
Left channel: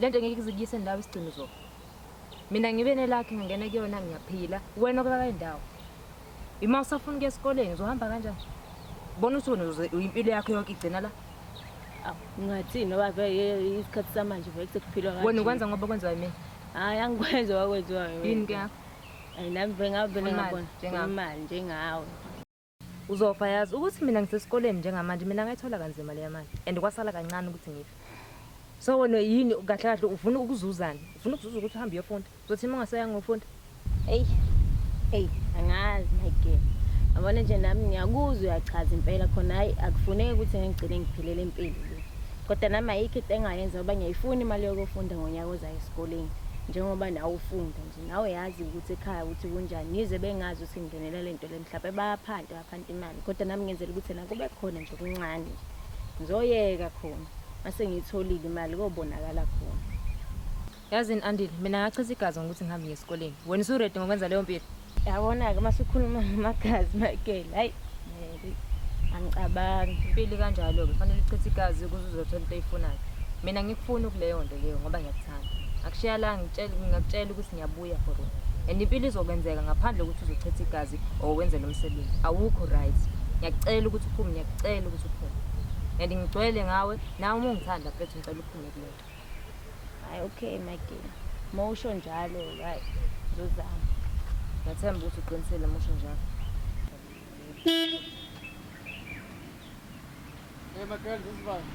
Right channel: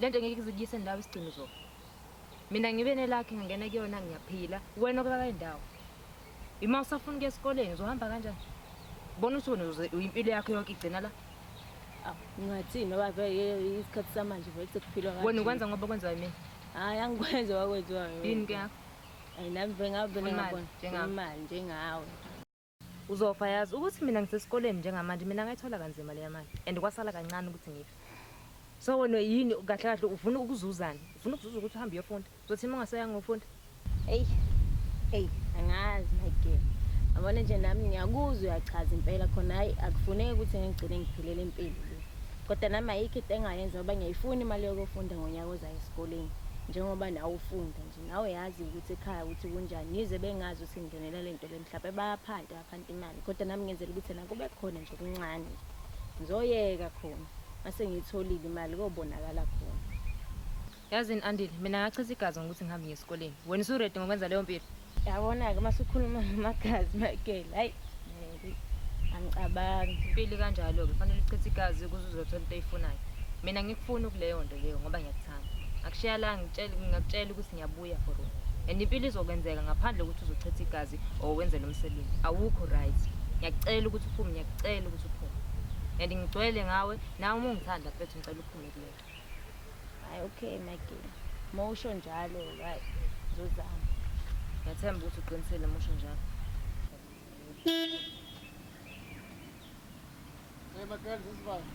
lento ngeke izikuyise ndawo isigcino zona mina ngibe nelakhe ngingene kuyona ngiyaphila wena kulala indawo ima usafuna ukuya esikoleni uzohamba kanjani bona ukuthi wena impilo yakho yonke igcina la ngingathini ngoba vele isikhathi samanje vele sekuphilwa ngathi wena ukwenza ngoba kwenziwa yini hayi angikwenza wakwenziwa yini ke nami vele ngabona imali njengawe uzofa yazi ukuthi mina ngisesikoleni njengamanje mina ngayithola kanzima leya mali and kwasala kancane ukuthi ngithi so wena yini kahle kahle ufuna ukuzuzana ufuna ukuzuza ukuthi uhambe uyofunda uzothi uma ungasayanga ngofunda angazi ngeke abona nje nami ngiyakuzwa uyachaza impela khona hayi akufuneki ukuthi ngigcine ngiphelele impilo kodwa nami ayikho into engayenza ngoba ngiyayifuna imali yokufunda ngonyaka ozayo esikoleni njengoba nawe ufunda nje nawe yazi ukuthi ekhaya ukuthi kunjani yize bengazi ukuthi ngingenela lento le mhlawumbe bayaphanta imali kodwa nami ngenzela ukuthi nako bekhona nje kancane ngizoyeka khona mase ngiyitholile imali kobonakala khona yazini andile mina ngachitha igazi ngokuthi ngihambe ngesikoleni wena usuredi ngokwenza leyo mpilo yabona-ke masikhuluma ngamagazi makela hayi angicabangi impilo kanjalo-ke fanele uchithe igazi ukuze uzothola into eyifunayo mina ngikufuna ukuleyo nto leyo ngoba ngiyakuthanda akushiya la ngingakutshela ukuthi ngiyabuya for wena and impilo izokwenzeka ngaphandle ukuthi uzochitha igazi or wenze lo msebenzi awukho right ngiyakucela ukuthi uphume ngiyakucela ukuthi uphume and ngigcwele ngawe nawe uma ungithanda futhi ngicela uphume kuleyo hayi okay makela uma usho njalo hayi ngizama ngathemba ukuthi uqinisile uma usho njalo Makhele ngizibani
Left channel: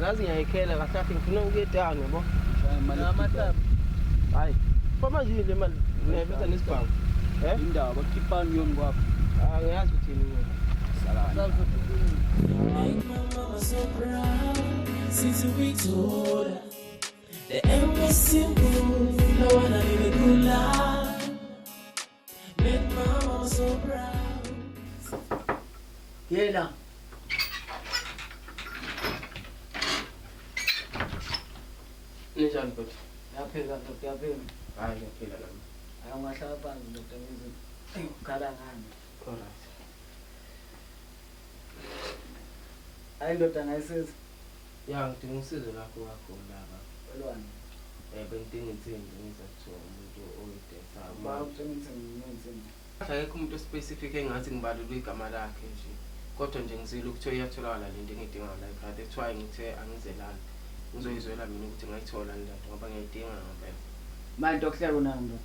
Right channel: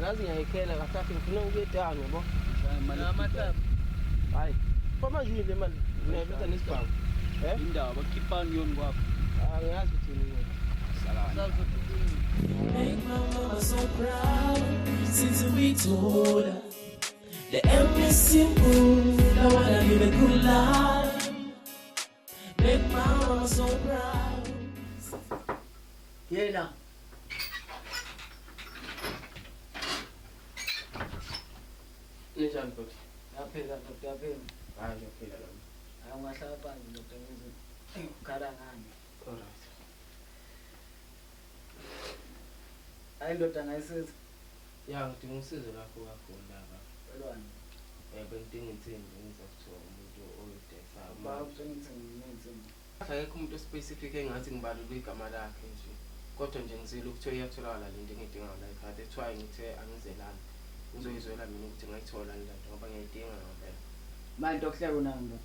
Nazi ngiyayikhela kahle kahle ngifuna ukuyedana yabo namathabu hayi kwamanje le mali ngiyabika nesibhawu indaba khiphani yoni kwakho angiyazi ukuthi Make my mama so proud since we told her the end is simple. I wanna live a good life. Make my mama so proud. Yela. Njani futhi? Yaphela yaphela. Hayi yaphela la. Angahlala phansi ngizothi ngikhala ngani. Alright. Hayi ndoda ngayisiza. Ya ngidinga usizo lakho lapha. Elwani. Bengidinga insimbi ngizathola umuntu oyideksa. Akekho umuntu specific engathi ngibalule igama lakhe nje. Kodwa nje ngizile ukuthi uyatholakala lento engidinga la ekhaya. That's why ngithe angizelana. Uzoyizwela mina ukuthi ngayithola le nto ngoba ngiyidinga ngempela. Manje okuhleka unami.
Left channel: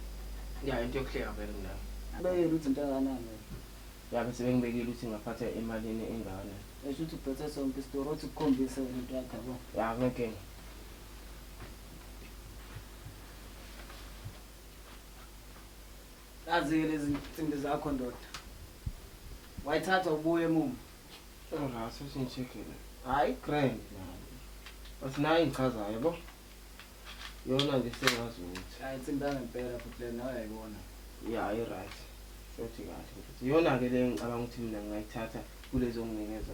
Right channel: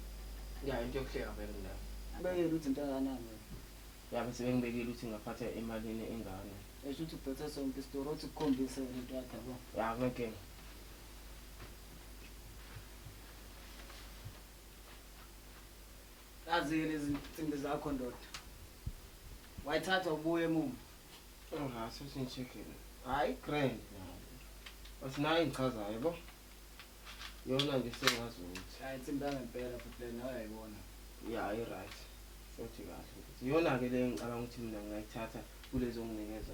Ya into yokuhleka phela ngilapha. Abeyela ukuthi intakanami. Ya bese bengibekile ukuthi ngaphatha emalini engane. Esho ukuthi ubhethe sonke isitoro ukuthi ukukhombise into yakho yabo. Ya ngeke. Kazi lezi zinto zakho ndoda. Wayithatha ubuye emuva. Ngaso singicheckile. Hayi Grand. Asinayo inchazayo yabo. Yona nje sengazi ukuthi. hayi tsimbana ngempela futhi le nawe ayibona. Ya right. Futhi kahle. Yona ke le ngicabanga ukuthi mina ngayithatha kulezo nginikeza.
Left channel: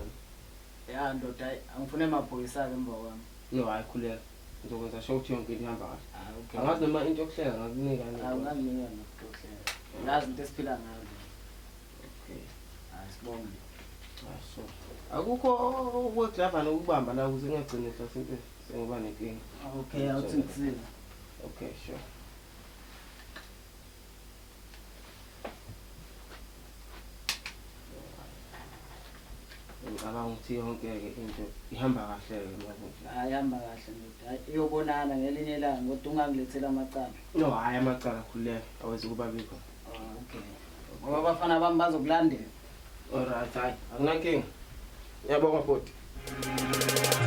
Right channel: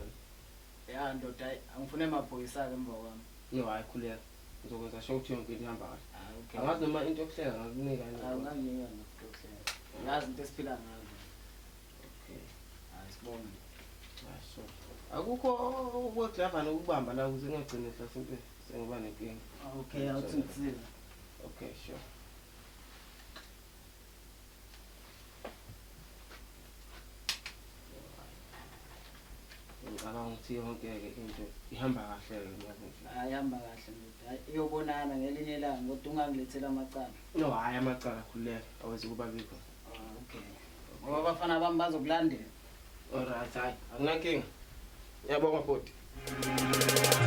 Ya ndoda angifune emaphoyisa ke emva kwami. No hayi khulela. ngizokwenza sure ukuthi yonke into ihamba kahle. Okay. Angazi noma into yokuhleka ngakunika nini. Awungazinika yazi into esiphila ngayo. Okay. Asibonge. So akukho okudlava nokubamba la ukuze ngagcine mhlawumbe sengiba nenkinga. Okay, awuthi ngisiza. Okay, sure. Ngicabanga ukuthi yonke into ihamba kahle manje. Ayihamba kahle nje. Iyobonana ngelinye ilanga kodwa ungangilethela amacala. No, hayi amacala khuleka awezi kuba bikho. Okay. Ngoba abafana bami bazokulandela. Alright, hayi akunankinga. Uyabonga futhi.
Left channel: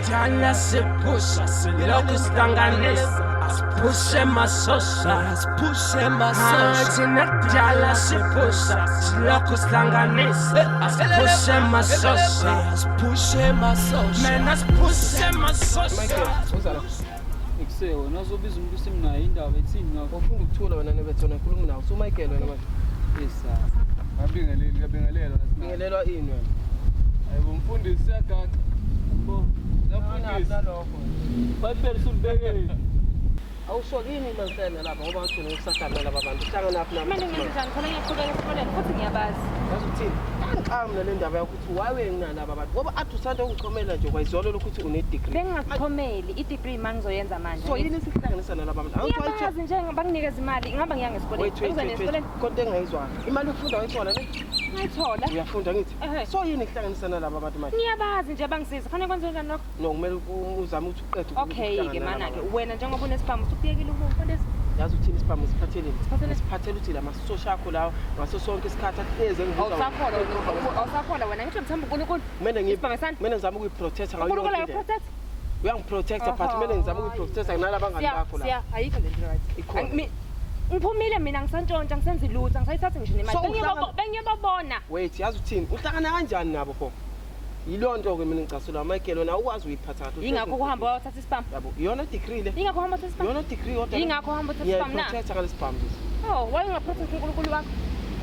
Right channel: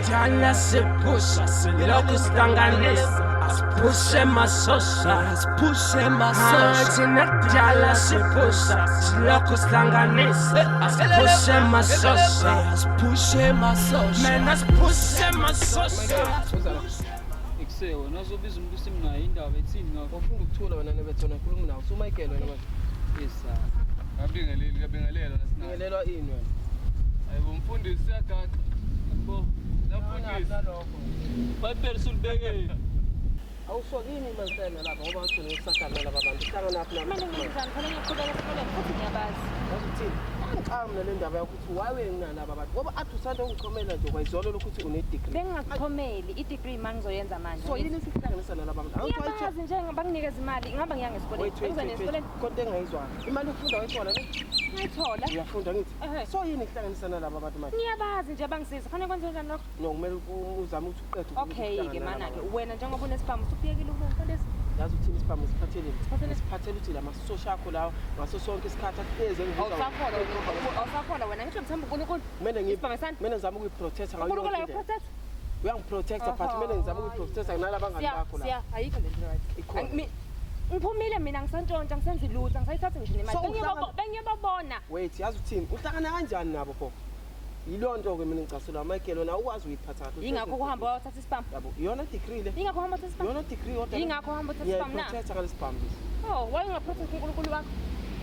Jala se pusha, se locos tanganesa. As pushe masosha, as pushe masosha. Jala se pusha, se locos tanganesa. As pushe masosha, as pushe masosha. Man, as pushe masosha. Utse wena uzobiza umuntu usimnayo indaba ethini ngakho ukuthola wena ngebethona khuluma nawe uMichael wena manje. Isa. Ngabingelela Ngelelwa ini wena. Hayibo mfundisi siyagaxa. Mfundisi. Bayibhele sulibeke. Awusokini lentela lapha ngoba ngithini ukusakhala laba bantu. Hlangana lapha nami. Mina ngizizana khona ngiqhubeka esikoleni futhi ngiyabazi. Yasuthi angiqhamu nale ndaba yokuthi wawe nginalaba bantu ngoba athi usanda ukuchomela nje kwayizolo ukuthi une degree. Bengingakuchomeli i-degree mangizoyenza manje. So yini sihlanganisa nalaba bantu? Ngiyabazi nje banginikeza imali ngihamba ngiya ngesikoleni. Engizweni esikoleni konke engayizwana. Imali ufunda uyithola le? ngiyithola. Uyafunda ngithi. So yini kuhlanganisa nalaba bantu manje? Ngiyabazi nje bangisiza. Khona kwenze njani lokho? No kumele uzame ukuthi uqede. Okay ke mana ke wena njengoba unesiphamu usukuyekile ukumfundisa. Yazi uthini isiphamu siphatheleni? Siphathele uthi la masosha akho lawo ngaso sonke isikhathi ahleze ngibuza. Awusakhola wena ngithi ngithanda uNkulunkulu. Mina ngizama ukuyiprotect ngayo. uNkulunkulu uyaprotect. Uyangiprotecta but mina ngizama ukuyiprotecta nalaba bangani bakho la. Siya ayikho le right. Ngiphumile mina ngisantshontsha ngisenza ilutha ngisayithatha ngisho nemali. Bengiyababona. Wait yazi uthini? Uhlangana kanjani nabo pho? Yilonto ke mina ngicasula Michael wena awukwazi uyiphatha kahle. Ingakho kuhamba wayothatha isiphamu. Yabo iyona degree le. Ingakho uhamba uthatha isiphamu. Iyona degree kodwa. Ingakho uhamba uthatha isiphamu na. Protecta ngale siphamu. Oh, why ungaprotect uNkulunkulu wakho?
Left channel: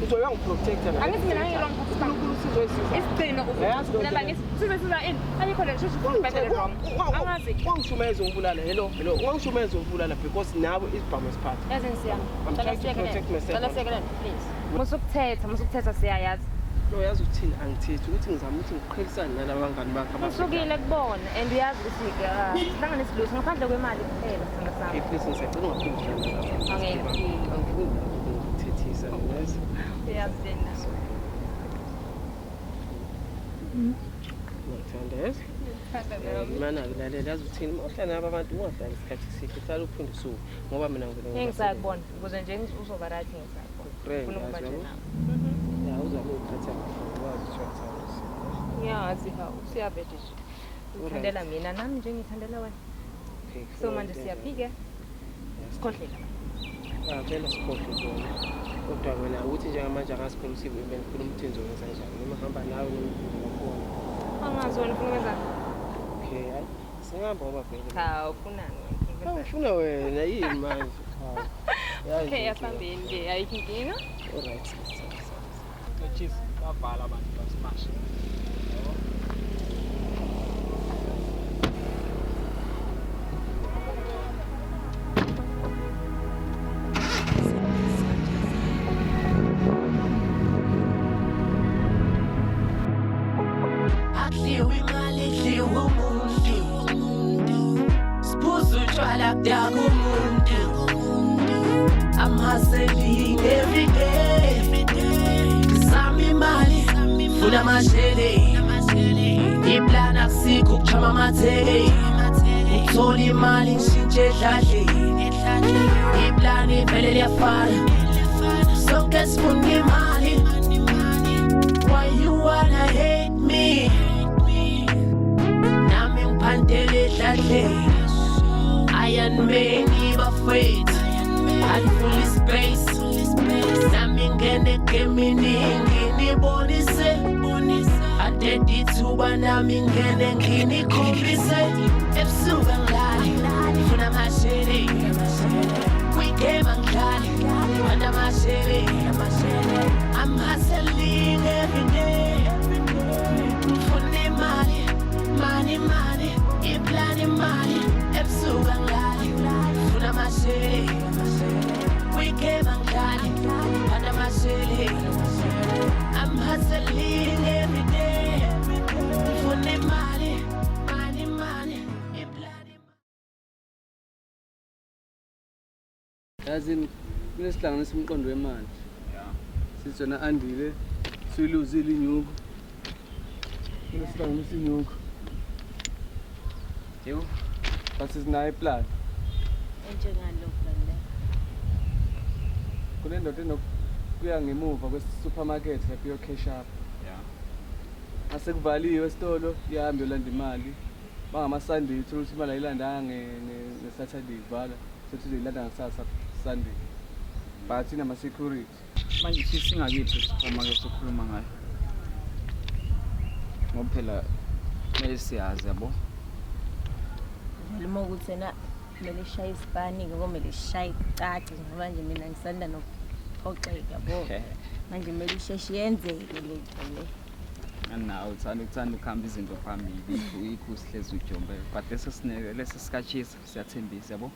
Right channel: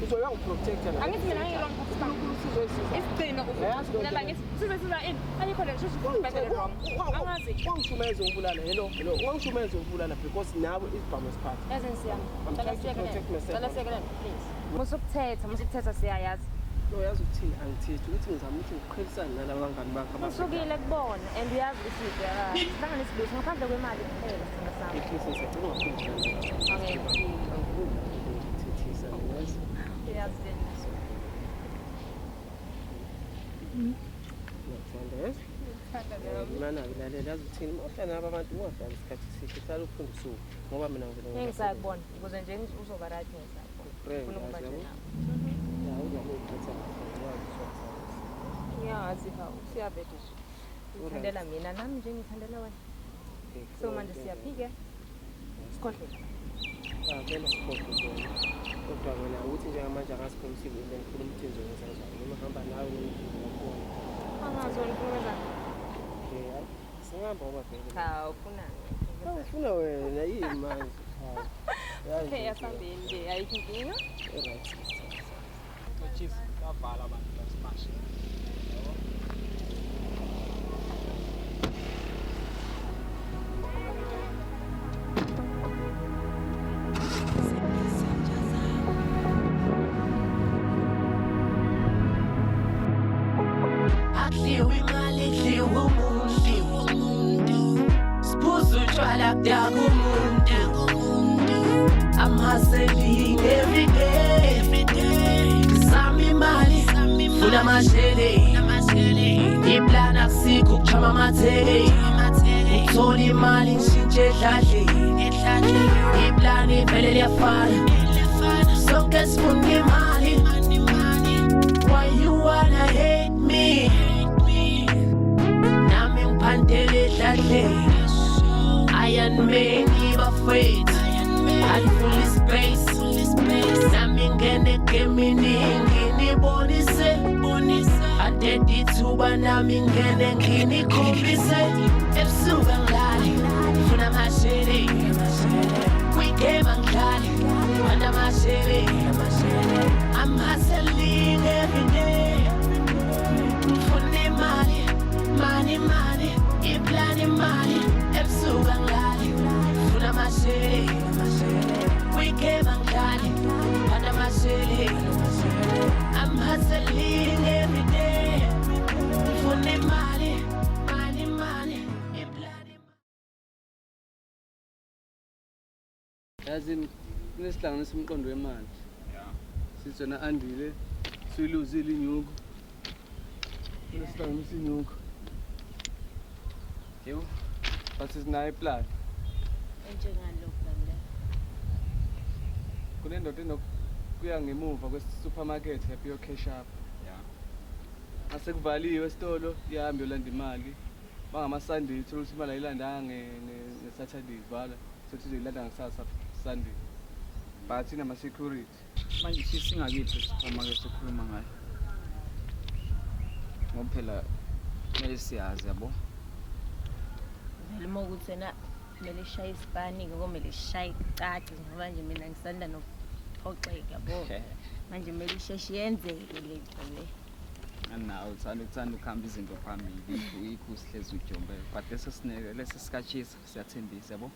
Uzoyangiprotecta ngale. Angithi mina ngiyilona uNkulunkulu sizoyisiza. Isigcino ukulala siza ini? Ayikho le shuthi sibhedele noma. Angazi. Ungishumeza ngibulala. Hello. Ungishumeza ngibulala because nawe isiphamu siphatha. Yazini siya. I'm trying to protect myself. Cela sekele please. Musukuthetha siyayazi. No yazi uthini angithethi ukuthi ngizama ukuthi ngiqhilisane nalabo bangani bakho. Usukile kubona and yazi ukuthi hlangana isiluthu ngaphandle kwemali kuphela sina sami. Please ngisacela ungaphinde. Angeke. Ngithethisa yazi. Uyazina. Ngithanda yazi. Mana ngilalela yazi uthini uhlala nabo abantu ngoba isikhathi sikhe uhlala uphinde usuku ngoba mina ngibona. Ngisakubona ukuze nje uzoba right ngesakho. Yazi siyabethe ngithandela mina nami nje ngithandela wena so manje siyaphike sikhohleke phela sikhohleke kodwa wena uthi njengamanje akasiqinisile impela ufuna umthenzo wenza njani noma hamba nawe angazi wena ufuna ukwenza okay singahamba ngoba phela cha ufunani ufuna wena yini manje okay asambeni nje ayikho inkinga alright chief abhala abantu bathi basho Akliwi imali idliwa umuntu Siphuza utshwala kudaka umuntu I'm hustling every day Ngizama imali Funa amashele Iplana akusikho ukuchama amathele Ukuthola imali ngishintshe edladle Iplana ivele liyafana Sonke sifuna imali Why you wanna hate me? Nami ngiphandele edladle Iron Man ngibafethu Andifuli space Nami ngene geminingi nibonise Adedi ithuba nami ngene nginikhombise Ebusuku angilali Funa amashele Weekend angilali Funa amashele I'm hustling every day Funa imali Money Iplani imali Ebusuku angilali city. We came and got it. Under my city. I'm hustling every day. For the money, money, money. Yazini kunesihlanganisa umqondo wemali. Sithona andile siluzile inyuku. Kunesihlanganisa inyuku. Yebo. Basi sinayo plan. Enjengalo plan la. Kule ndoda enokuya ngemuva kwe-supermarket lapho iyo-cash up. Asekuvaliwe esitolo ihambe yolanda imali. Bangama-Sunday ukuthi imali ayilandanga nge-Saturday ivala futhi uyilanda ngasasa Sunday. But inama-security. Manje singakithi uma ke sikhuluma ngayo. Ngoba phela siyazi yabo. Ngikhuluma ukuthi ena kumele sishaye isipani-ke komele sishaye icaci ngoba nje mina ngisanda nokuxoxeka yabo. Manje kumele isheshe yenzeke lento le. Nawe uthanda ukuhamba izinto phambili uhlezi ujonge but leso sikhathi siyathembisa yabo.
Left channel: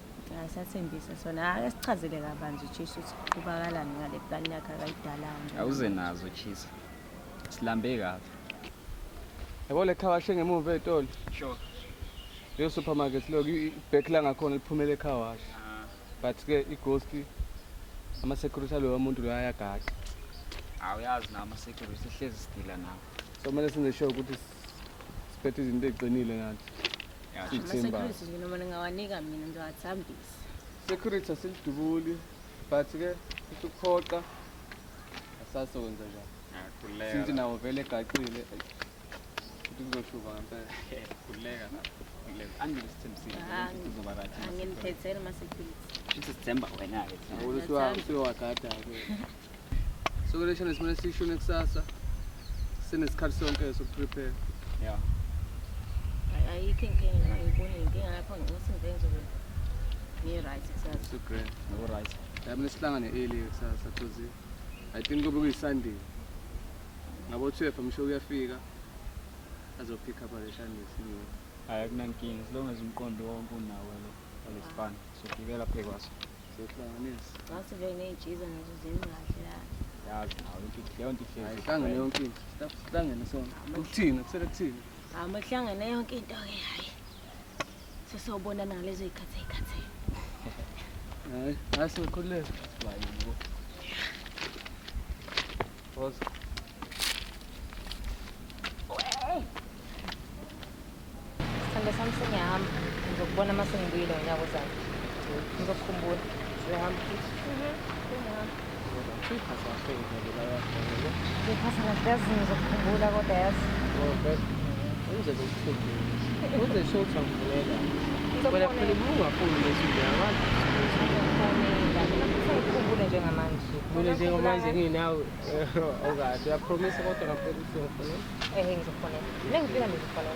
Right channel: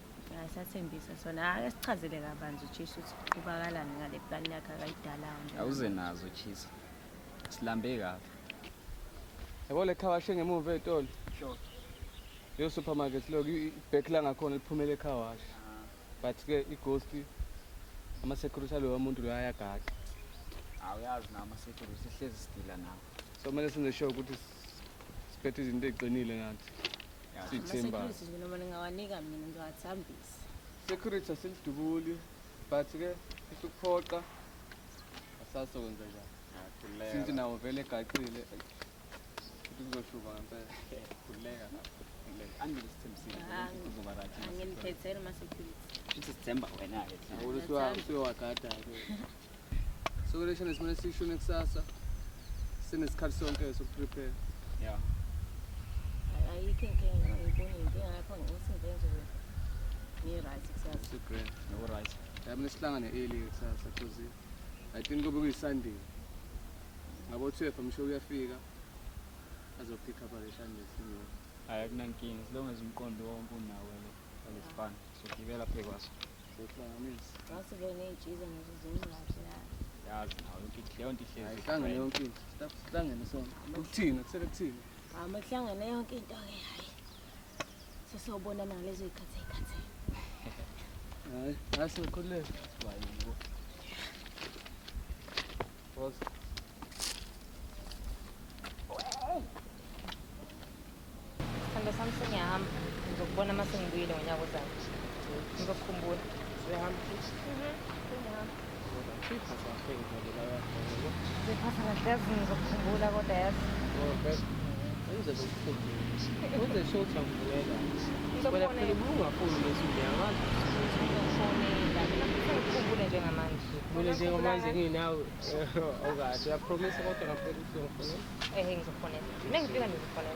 Siyathembisa sona asichazele kabanzi ukuthi kubakalani ngale plan yakhe ayidalayo. Awuze nazo chisa silambe kahle. Yabo le car wahle ngemuva etolo. Sure. Le supermarket lo ibhek la ngakhona liphumele ekhaya wakhe. But ke ighost ama-security alo umuntu lo ayagada. Awuyazi nama security sihlezi sidila nawo. So kumele senze sure ukuthi siphethe izinto eziqinile nathi. Security noma ningawanika mina ngiwathambisa. Security asilidubuli but ke ukuphoqa asasebenza njani. Sinti nawo vele egacile. Kuzoshuka ngempela. Kuleka. Angilithembisile kuzoba right. Angimphethele ama-security. December wena ke. Usiwathatha ke. So lesho nesimele sishune kusasa. Sinesikhathi sonke sokuprepare. Yeah. Ayikho inkinga lapho ngokuthi ngizenze ngi-right kusasa. Super. No right. Yami sihlangane early kusasa kuzi. I think kube kuyiSunday. Ngabo 12 msho uyafika. Azopick up le Sunday sini. Hayi kumankingi long as umqondo wonke unawo lesifana. Sokuvela phekwaso. Sokuhlanganisa. Ngathi vele nejiza nazo zinahle. Yazi nawo ukuthi yonke ihlezi. Hlangane yonke into. Hlangane sonke. Ukuthini? Kuthela kuthini? Amahlangane yonke into ke hayi. Sisobona nalezo ikhathe. Asikhulule. Boss. Sanda sami sengihamba ngizokubona uma sengibuyile ngonyaka ozayo. Ngizokukhumbula. Ngihamba futhi. Ngiphatha ngazi ngizokukhumbula kodwa yazi. Mina njengamanje nginawe okazi uyapromisa kodwa ngapela ukuthi Ngizokhona. Nengifika ngizokhona.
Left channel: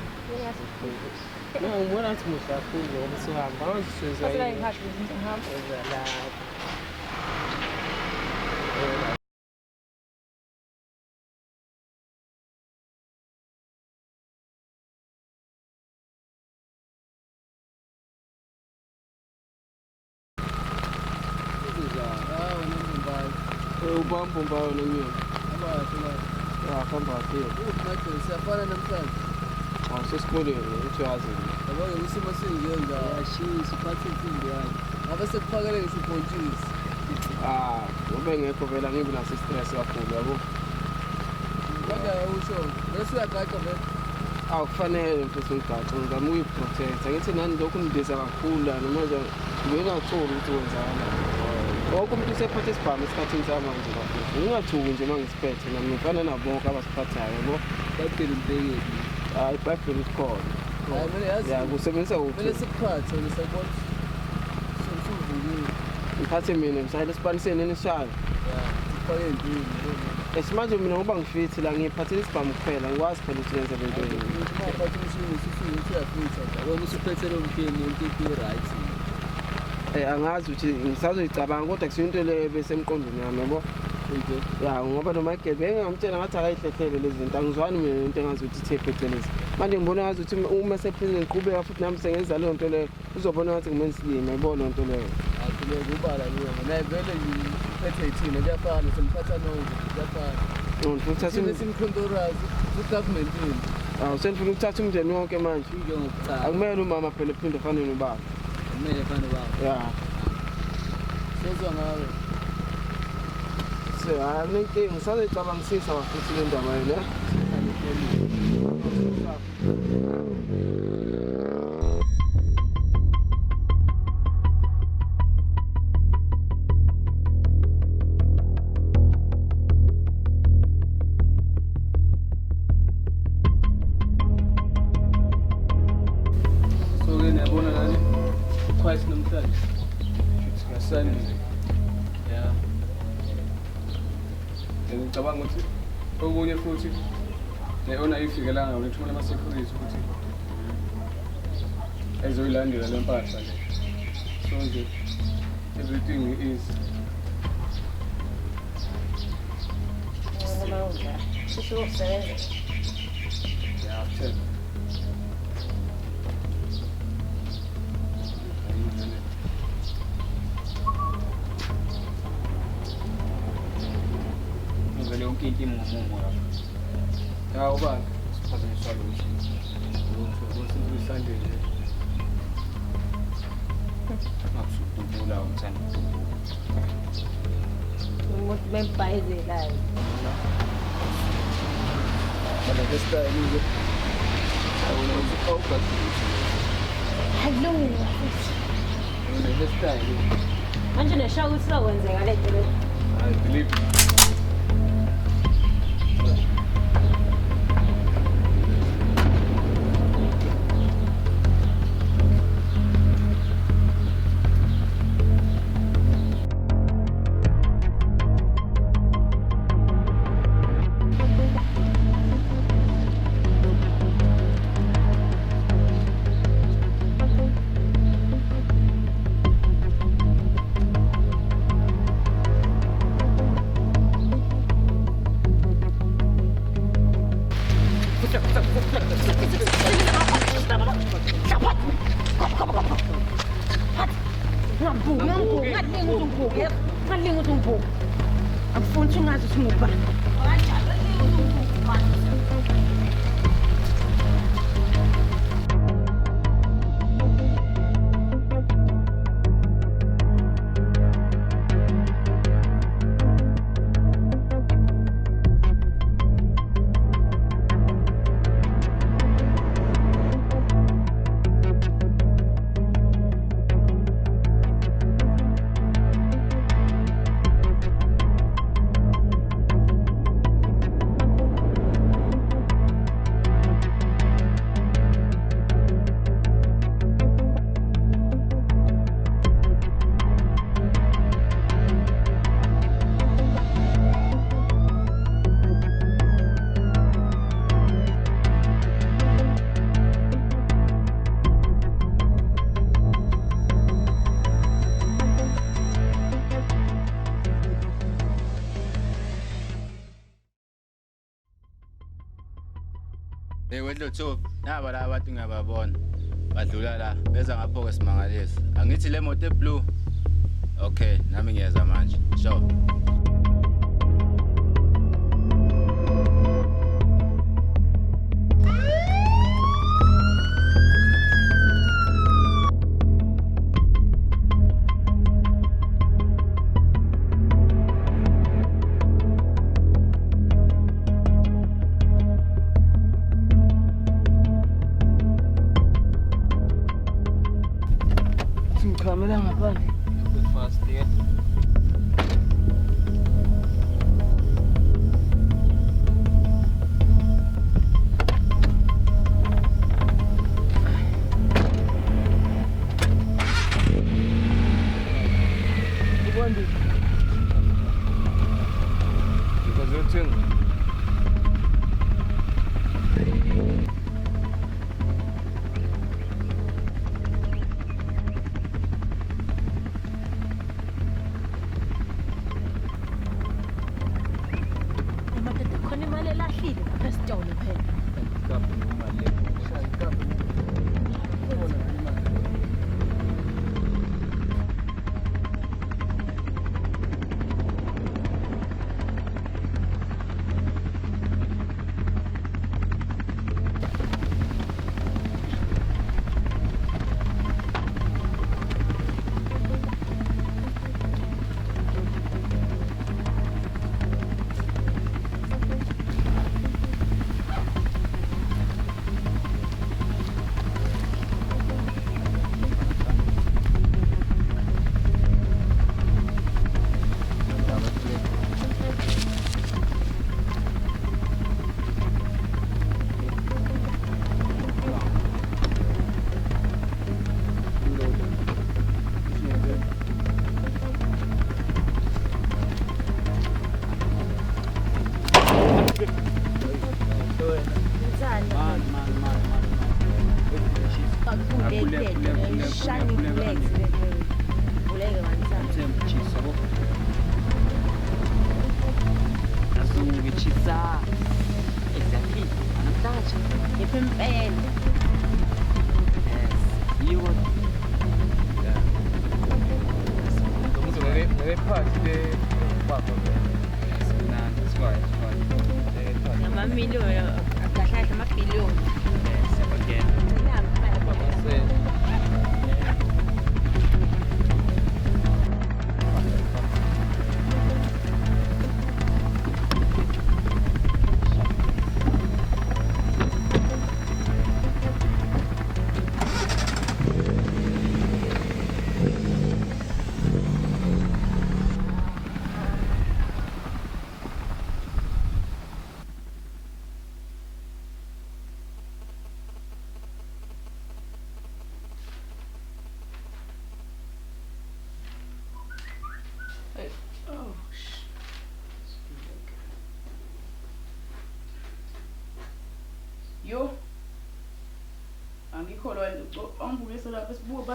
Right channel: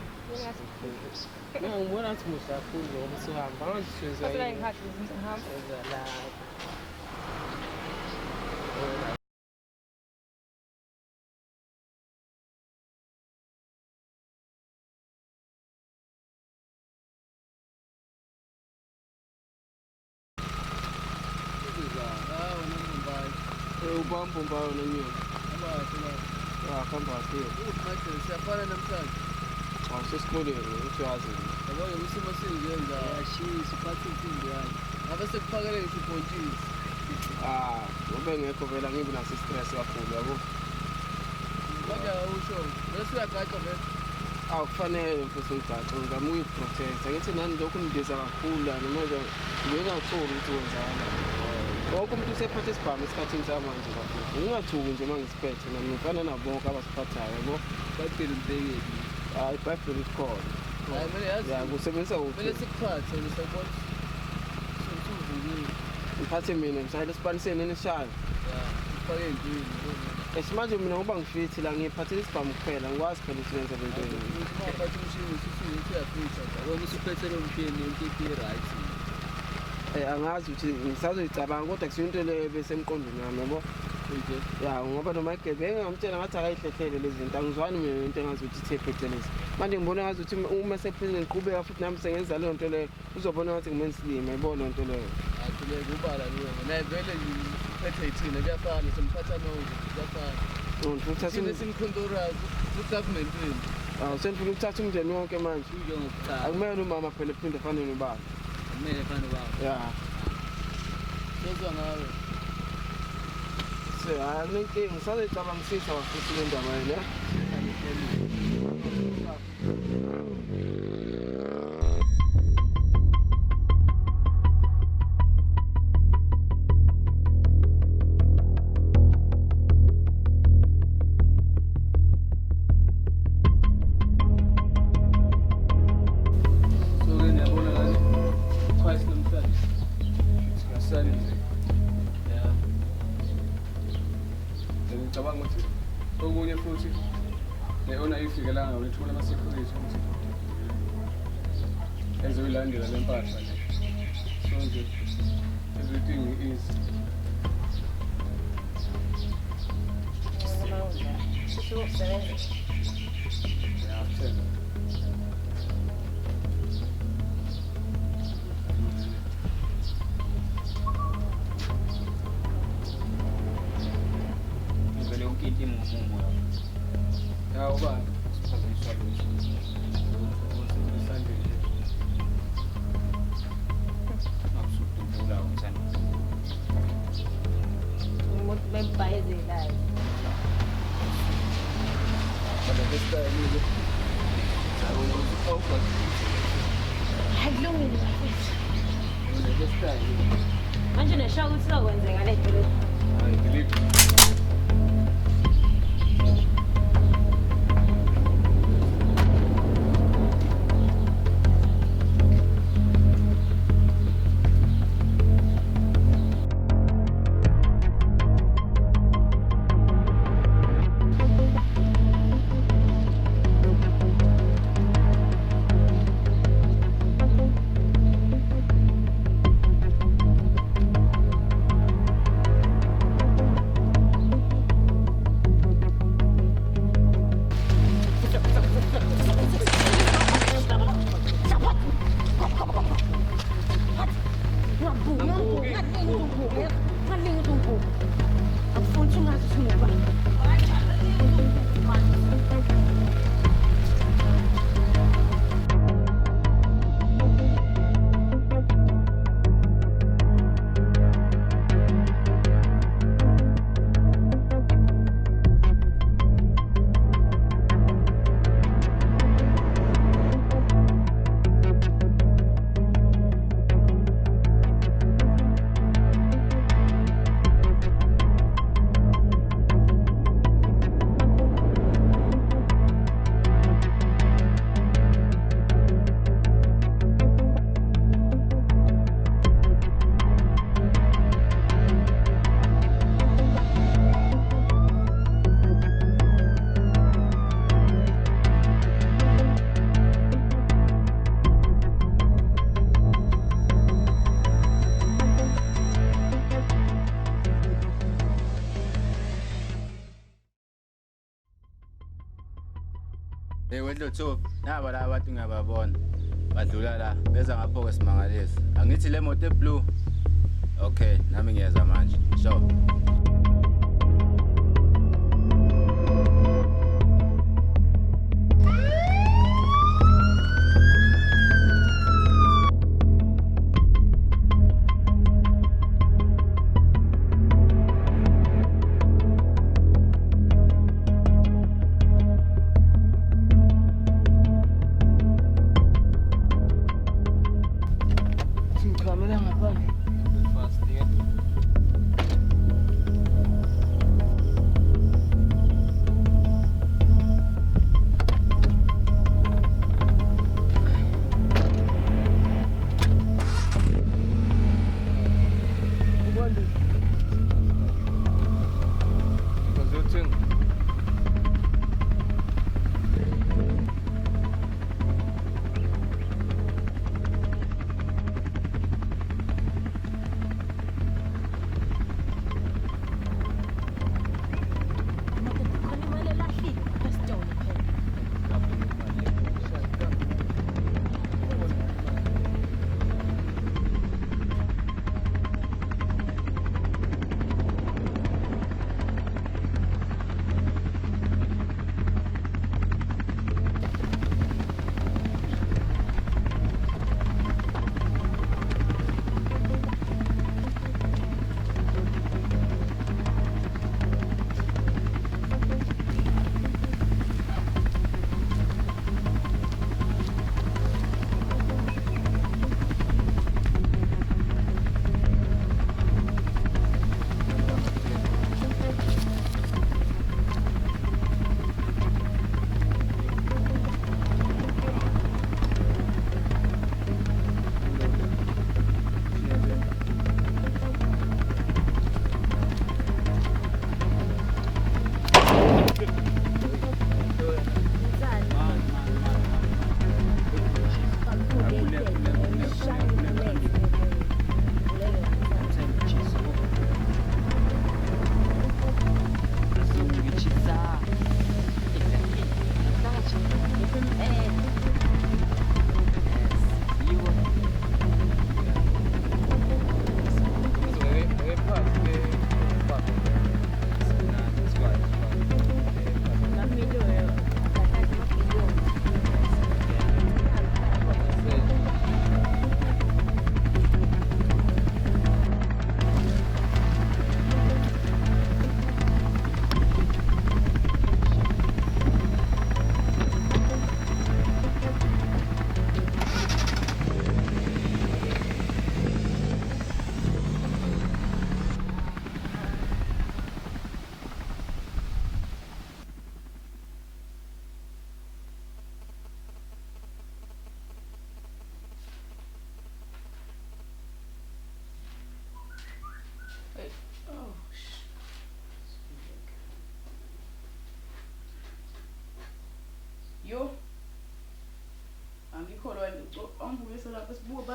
no ngibona ukuthi ngizafunda ngoba sihamba awusiza Kodwa ngikhathi ngihamba. Ubamba ngayo leyo. Hamba kakhulu. Manje siyafana namhlanje. Sesikoleni uyazi. Yabo isimo singiyenza ashisi phathe impilo yami. Ngabe sekufakele isibhontshisi. Ube ngekho vela ngibe naso stress kakhulu yabo. Kanjani usho? Bese uyagada vele. Akufanele ukuthi uyigade ngizama ukuyiprotect. Ngithi nani lokhu ngibiza kakhulu la noma ngingatholi ukuthi wenzani. Wonke umuntu usephethe isibhamu esikhathini samanje kakhulu. Ngingathuki nje uma ngisiphethe nami ngifana nabo bonke abasiphathayo yabo. Badela impeyeli. Hayi badela isikhona. Hayi mina yazi. Ya kusebenzisa uphi? Kumele sikuphathe ngisabona. Sengifundile. Ngiphathe mina ngisayile isipaniseni nishayo. Ifake impilo. Esimanje mina ngoba ngifithi la ngiphathe isibhamu kuphela ngikwazi phela ukwenza lento le. Ngiphathe isimo sisiwe uyafitha. Wena usiphethe lo mpilo into right. Angazi ukuthi ngisazoyicabanga kodwa kusiyinto le besemqondweni yami yabo. Ya ngoba noma igebe ngingamtshela ngathi akayihlehlele lezi zinto angizwani mina into engazi ukuthi ithephethelezi. Manje ngibona ngathi ukuthi uma sephile ngiqhubeka futhi nami sengenza leyo nto leyo uzobona ngathi ngimenza isibini yabo lento leyo. leyo kubala leyo naye vele ngiphethe ithina kuyafana simphatha nonke kuyafana Uthatha simkhontorazi ku-governmentini senifuna ukuthatha umndeni wonke manje. njengokucala Akumele umama phela ephinde afane nobaba. kumele fane baba Ya. sezwa ngawe So, anginkinga salecabamisisa ngafuthi le ndaba yona. Ngicabanga ukuthi okunye futhi ne-ona ifikelanga ngishona ama-security ezoyilandela le mpahla so nje everything is vele yonke inkinga ngasemoya nawo ba Wedlotho naba la abantu ngiyababona badlula la beza ngapho kwesimangalisi angithi le moto eblue okay nami ngiyeza manje sure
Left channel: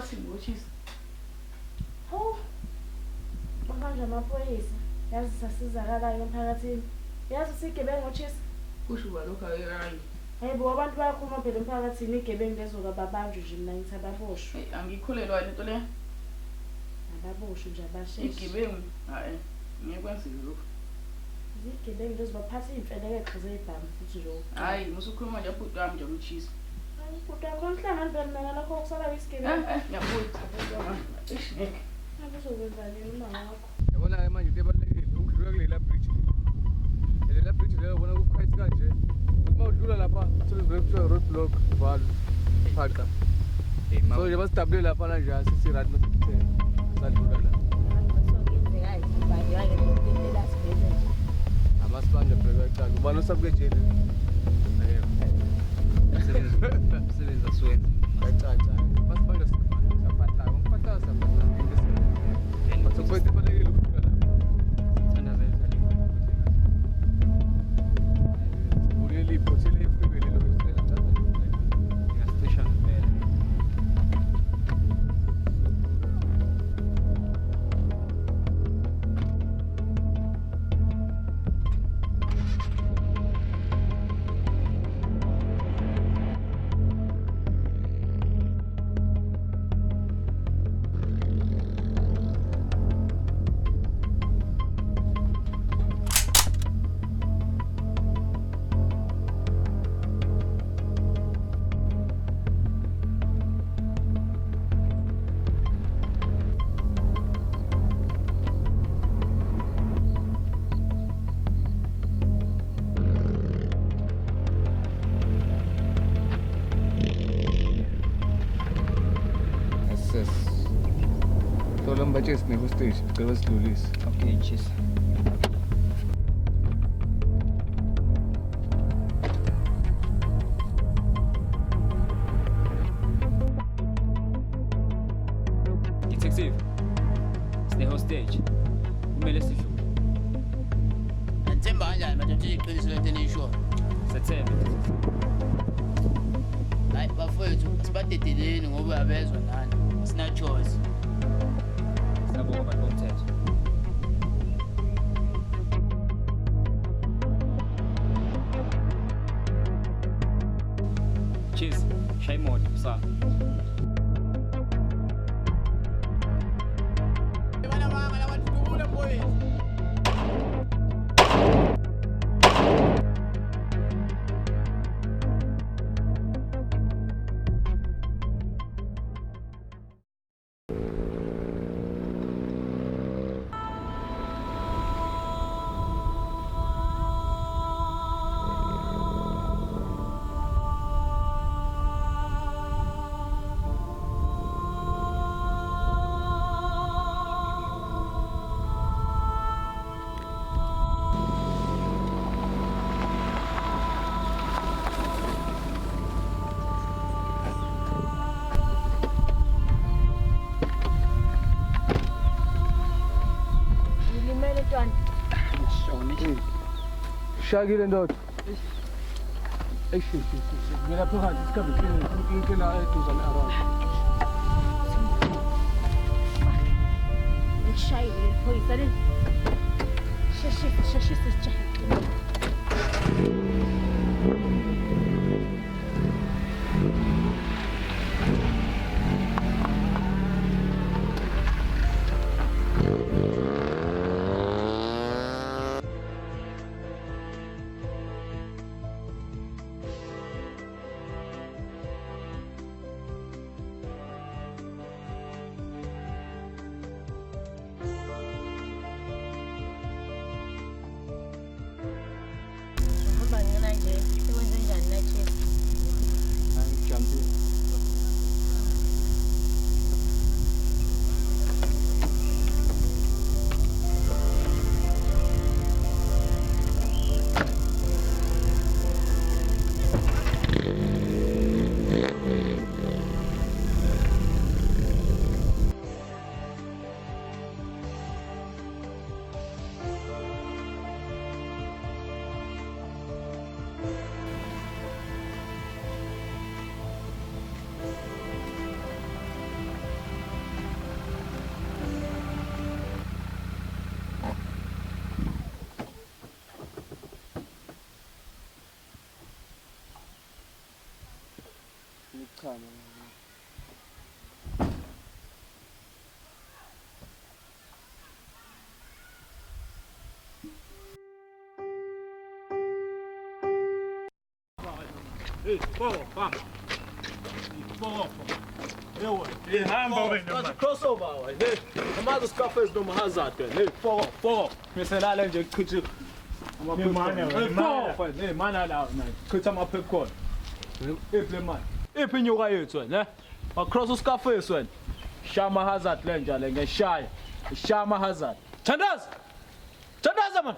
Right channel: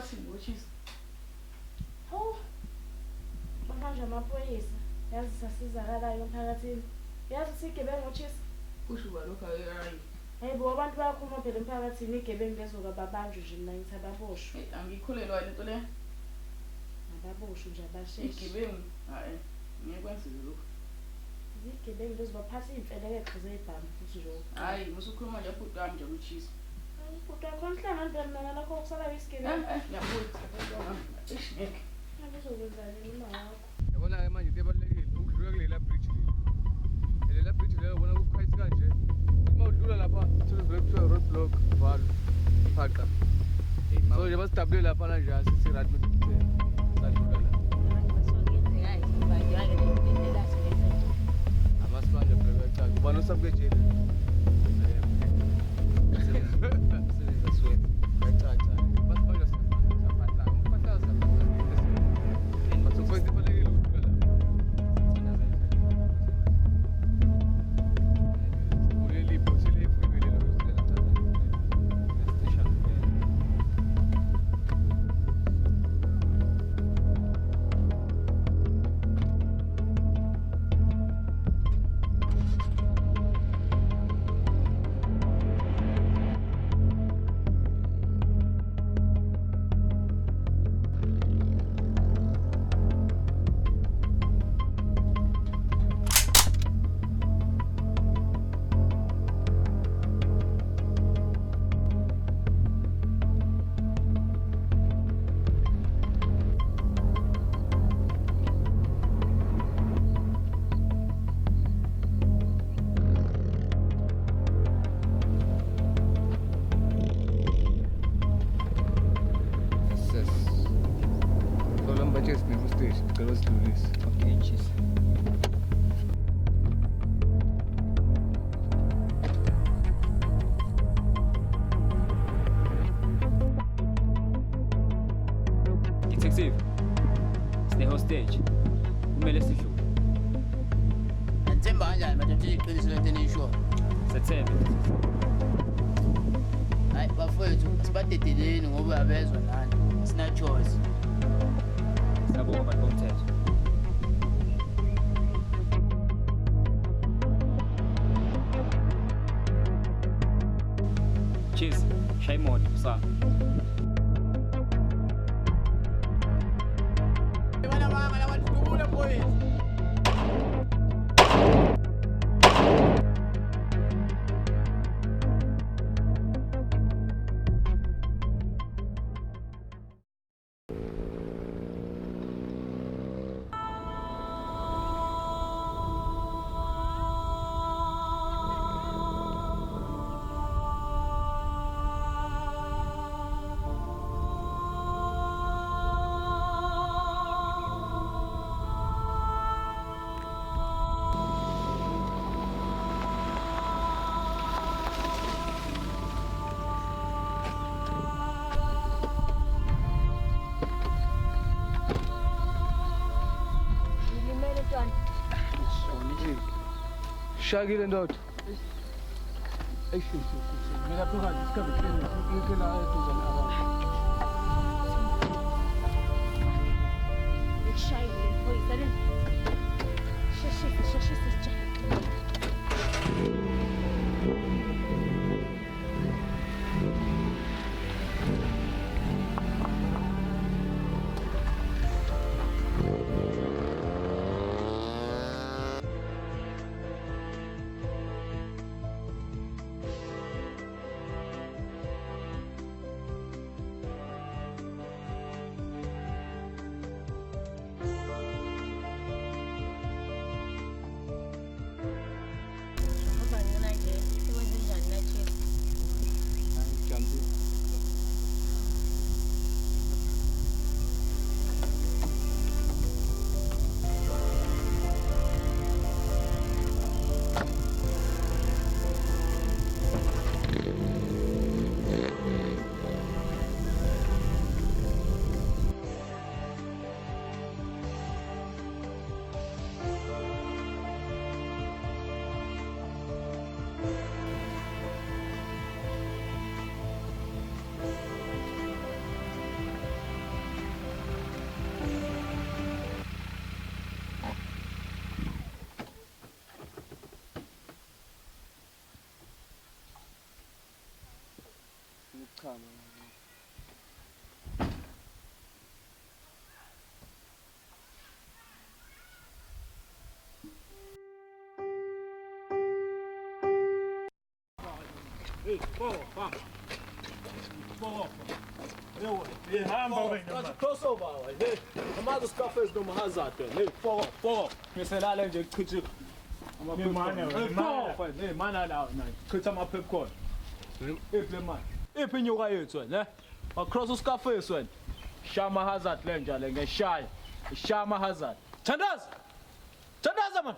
Bathini ngoTshisa. Hawu. Manje amaphoyisa yazi sasizakalayo emphakathini. Yazi sigebengu ngoTshisa. Kusho balokho ayirayi. Hayibo abantu bayakhuluma phela emphakathini igebengu lezoka babanjwe nje mina ngithi ababoshwe. Angikholelwa into le. Ababoshwe nje abasheshe. Igebengu hayi ngeke kwenzeke lokho. Igebengu lezobaphatha iy'mfeleke zey'bhamu futhi nje. Hayi musukhuluma nje bhuti wami nje umtshisa. Hayi bhuti wami konhlanga ntoni mina lokho kusala isigebengu. Ngiyabona. Uzokwenza nini uma ngakho? Yabona manje sebalulekile ukudlula kulela bridge. Lela bridge leyo ubona ukuthi kanje. Uma udlula lapha usebenzisa roadblock val phaka. So nje basitabile lapha nje asisirathi. Balo sabekile. Detective, sine hostage. Kumele sidlule. Nanthemba kanjani manje nje iqiniso lento eniyisho. Sethembe. Hayi bafowethu sibadedeleni ngoba uyabezwa nani. Sina choice. Siyabonga abantu bomthetho. Cheers. Shaya imoto, sa. Bana mama la watu kule boys. Shaggy and dot. crossover wena amazi Scarface noma Hazard wena hey foko miselala nje chithi hey mana la man chithi ama popcorn iple man iphi inyuka yethu wena across uScarface wena shama Hazard le njalo ngeshaya shama Hazard Thandaza man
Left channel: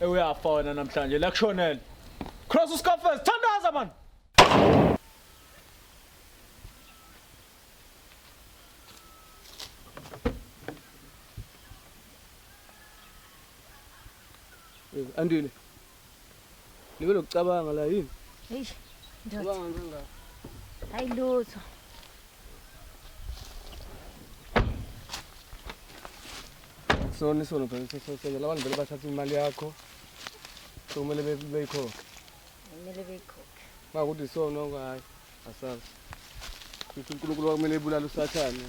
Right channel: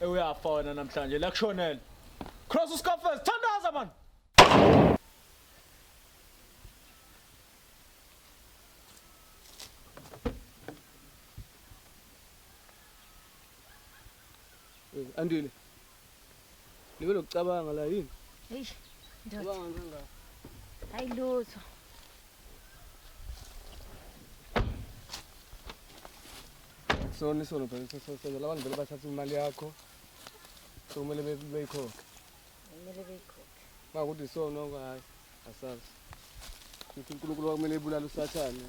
uyafona namhlanje la kushonela cross uScarface Thandaza man Andile. Nibe lokucabanga la yini? Eish. Cabanga ngila. Hayi lutho. Sona phela labantu vele bathatha imali yakho. So kumele beyikhokhe. Kumele beyikhokhe. Bakuthi sona okayi. Asazi. Kuthi uNkulunkulu kumele ebulala uSathane.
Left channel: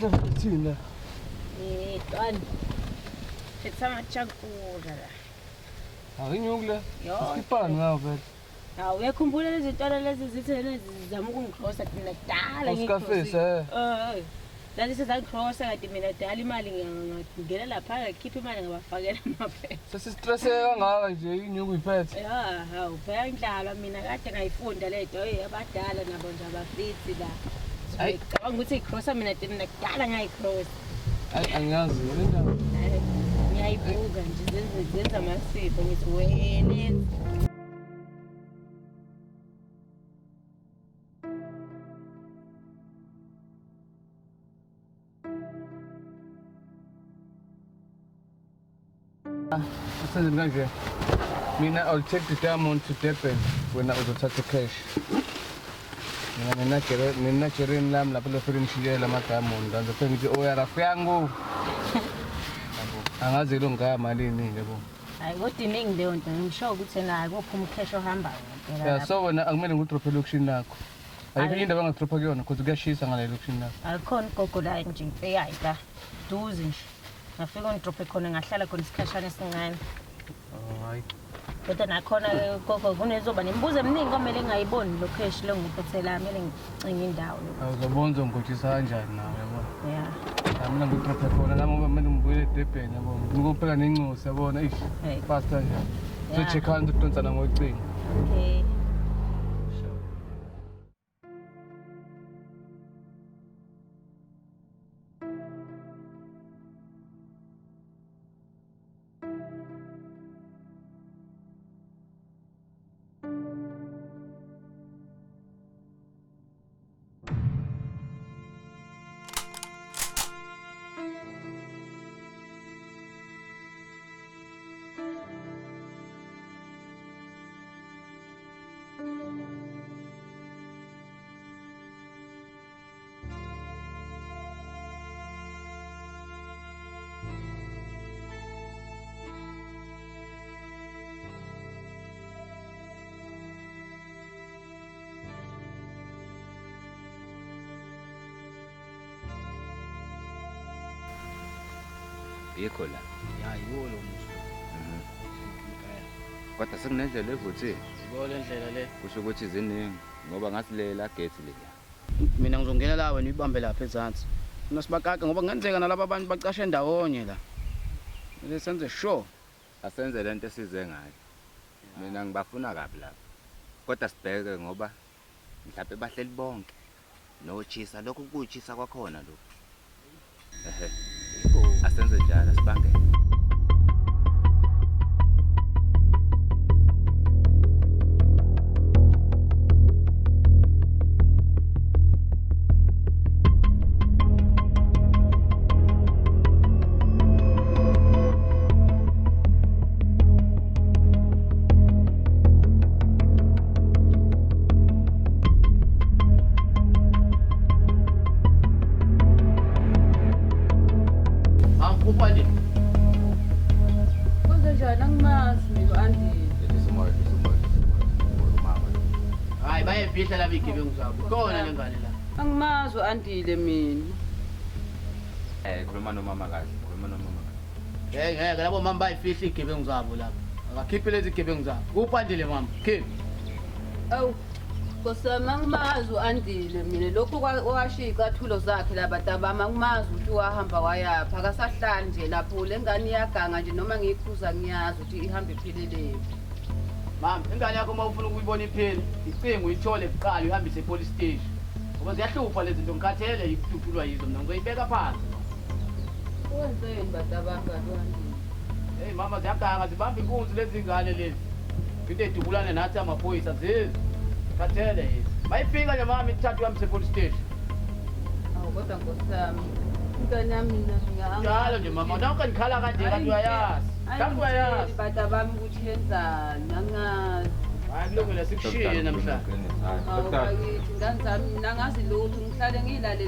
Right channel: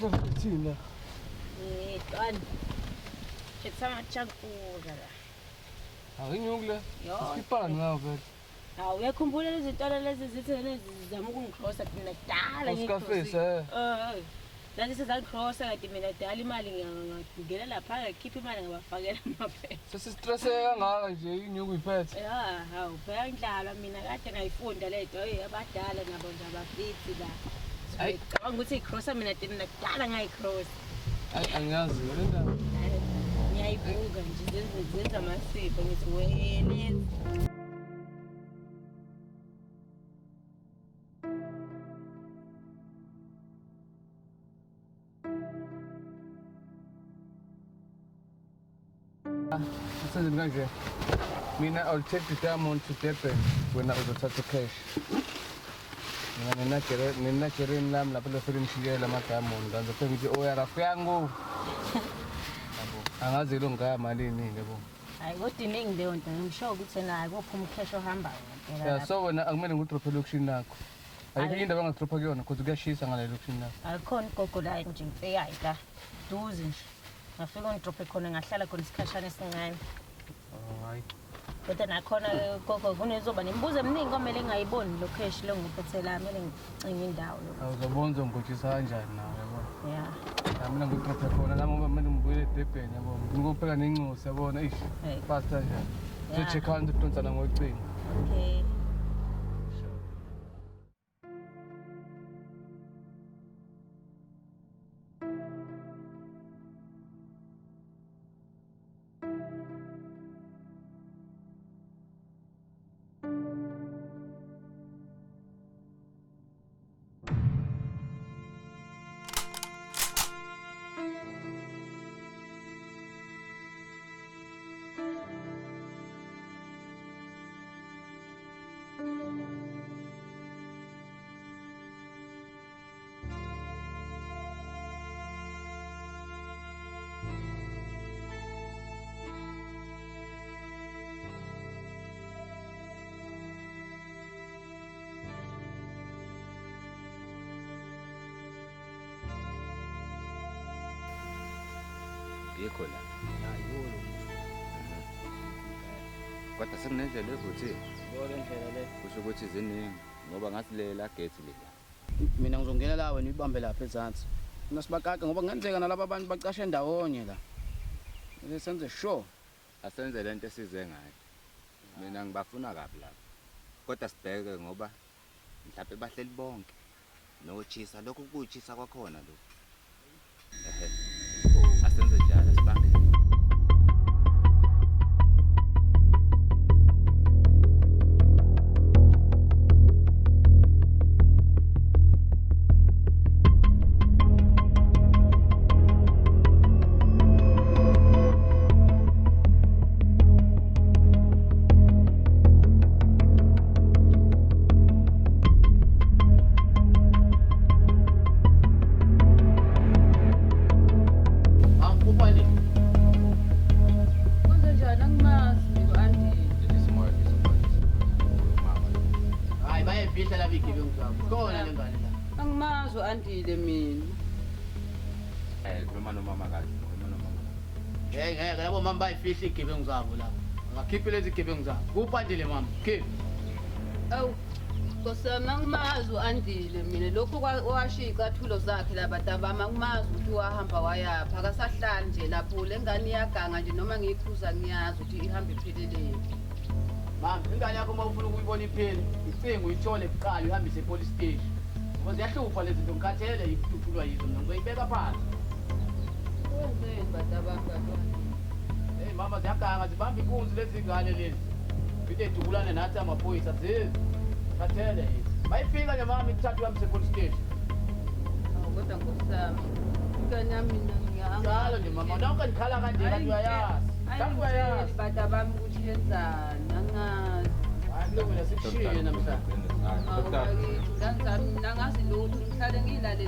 kahle thina Tani. Sithanga chankula la. Ayinyukule. Sikipana ngawo vele. Uyakhumbula lezi zitolo lezi zithi lena zizama ukungikrosa mina kudala Scarface Lali sizangikrosa kade mina dala imali ngingena lapha ngikhipha imali ngabafakela amaphela. Sesistresseka kangaka nje inyuku iphethe. Hawu phela inhlalo mina kade ngayifunda le nto abadala nabo nje abafithi la. Ngicabanga ukuthi ikrosa mina dina kudala ngayikrosa. Angiyazi indaba. Ngiyayibuka nje zenza amasipho ngithi wele Senze kanje. Mina I'll take the diamond to Durban wena uzothatha cash. Mina jereni lami lapho lefike ngishiyela ama-diamond ngizofike ngithi oya rafu yangu. Angazi lo ngamalini nje bo. Hayi kodwa iningi leyo nto ngisho ukuthi nayo kuphuma ucash ohambayo. Yeah, so wena akumele ngidrophe elokushini lakho. Ayikho indaba engidropha kuyona kodwa kuyashisa ngale elokushini lakho. Alikhona igogo la nje ngifikayo la. Duze nje. Ngafika ngidrophe khona ngahlala khona isikhashana esincane. Hayi. Kodwa nakhona gogo kunezoba nemibuzo eminingi okumele ngayiboni lo cash lo ngiphethe kumele ngicinge indawo. Awuzobonza ngikhothisa kanjani nawe yabo. Yeah. Mina ngidrophe khona nami kumele ngibuyele eDurban yabo. Ukuphela nencingo siyabona ish. Fast kanjani. So check out udonsana ngocingo. Okay. Yikho la. Kodwa sekunendlela evuthile. Ngole ndlela le. Kusho ukuthi ziningi ngoba ngathi lela gate le. Mina ngizongena la wena uyibambe lapha ezantsi. Unosibakaka ngoba kungenzeka nalabo abantu bacashe ndawonye la. Manje senze sure Asenze lento esize ngayo. Mina ngibafuna kabi la. Kodwa sibheke ngoba mhlawumbe bahleli bonke. Nochisa lokhu kuchisa kwakhona lokho. Asenze njalo sibambe. Andile mina. Khuluma nomama kahle, khuluma nomama. Ngeke labo mama bayifihla igebengu zabo la. Abakhiphe lezi igebengu zabo. Kuphandile mama. Khipha. Awu. Kosama ngimazi uandile mina lokho okwashika athulo zakhe labantu abamakumazi ukuthi wahamba wayapha akasahlali nje lapho lengane iyaganga nje noma ngiyiphuza ngiyazi ukuthi ihambe iphelele. Mama, ingane yakho mawufuna ukuyibona ipheni, icingo uyithole kuqala ihambise epolice station. Ngoba ziyahlupha lezi zomkhathele ikhululwa yizo ngizoyibeka phansi. Hey mama, ziyaganga zibambe inkunzi lezi ngane lezi. Into edubulane nathi amaphoyisa zizi. Khathele. Bayifika nje mama ithathu ihambise epolice station. Kodwa kusama. Ingane yami Njalo nje mama, nawuke ngikhala kanje kanti uyayazi. Kanti uyayazi. Bantu abami ukuthi benzani angazi. Angilungile sikushiye namhlanje. Nangazi lokhu ngihlale ngilale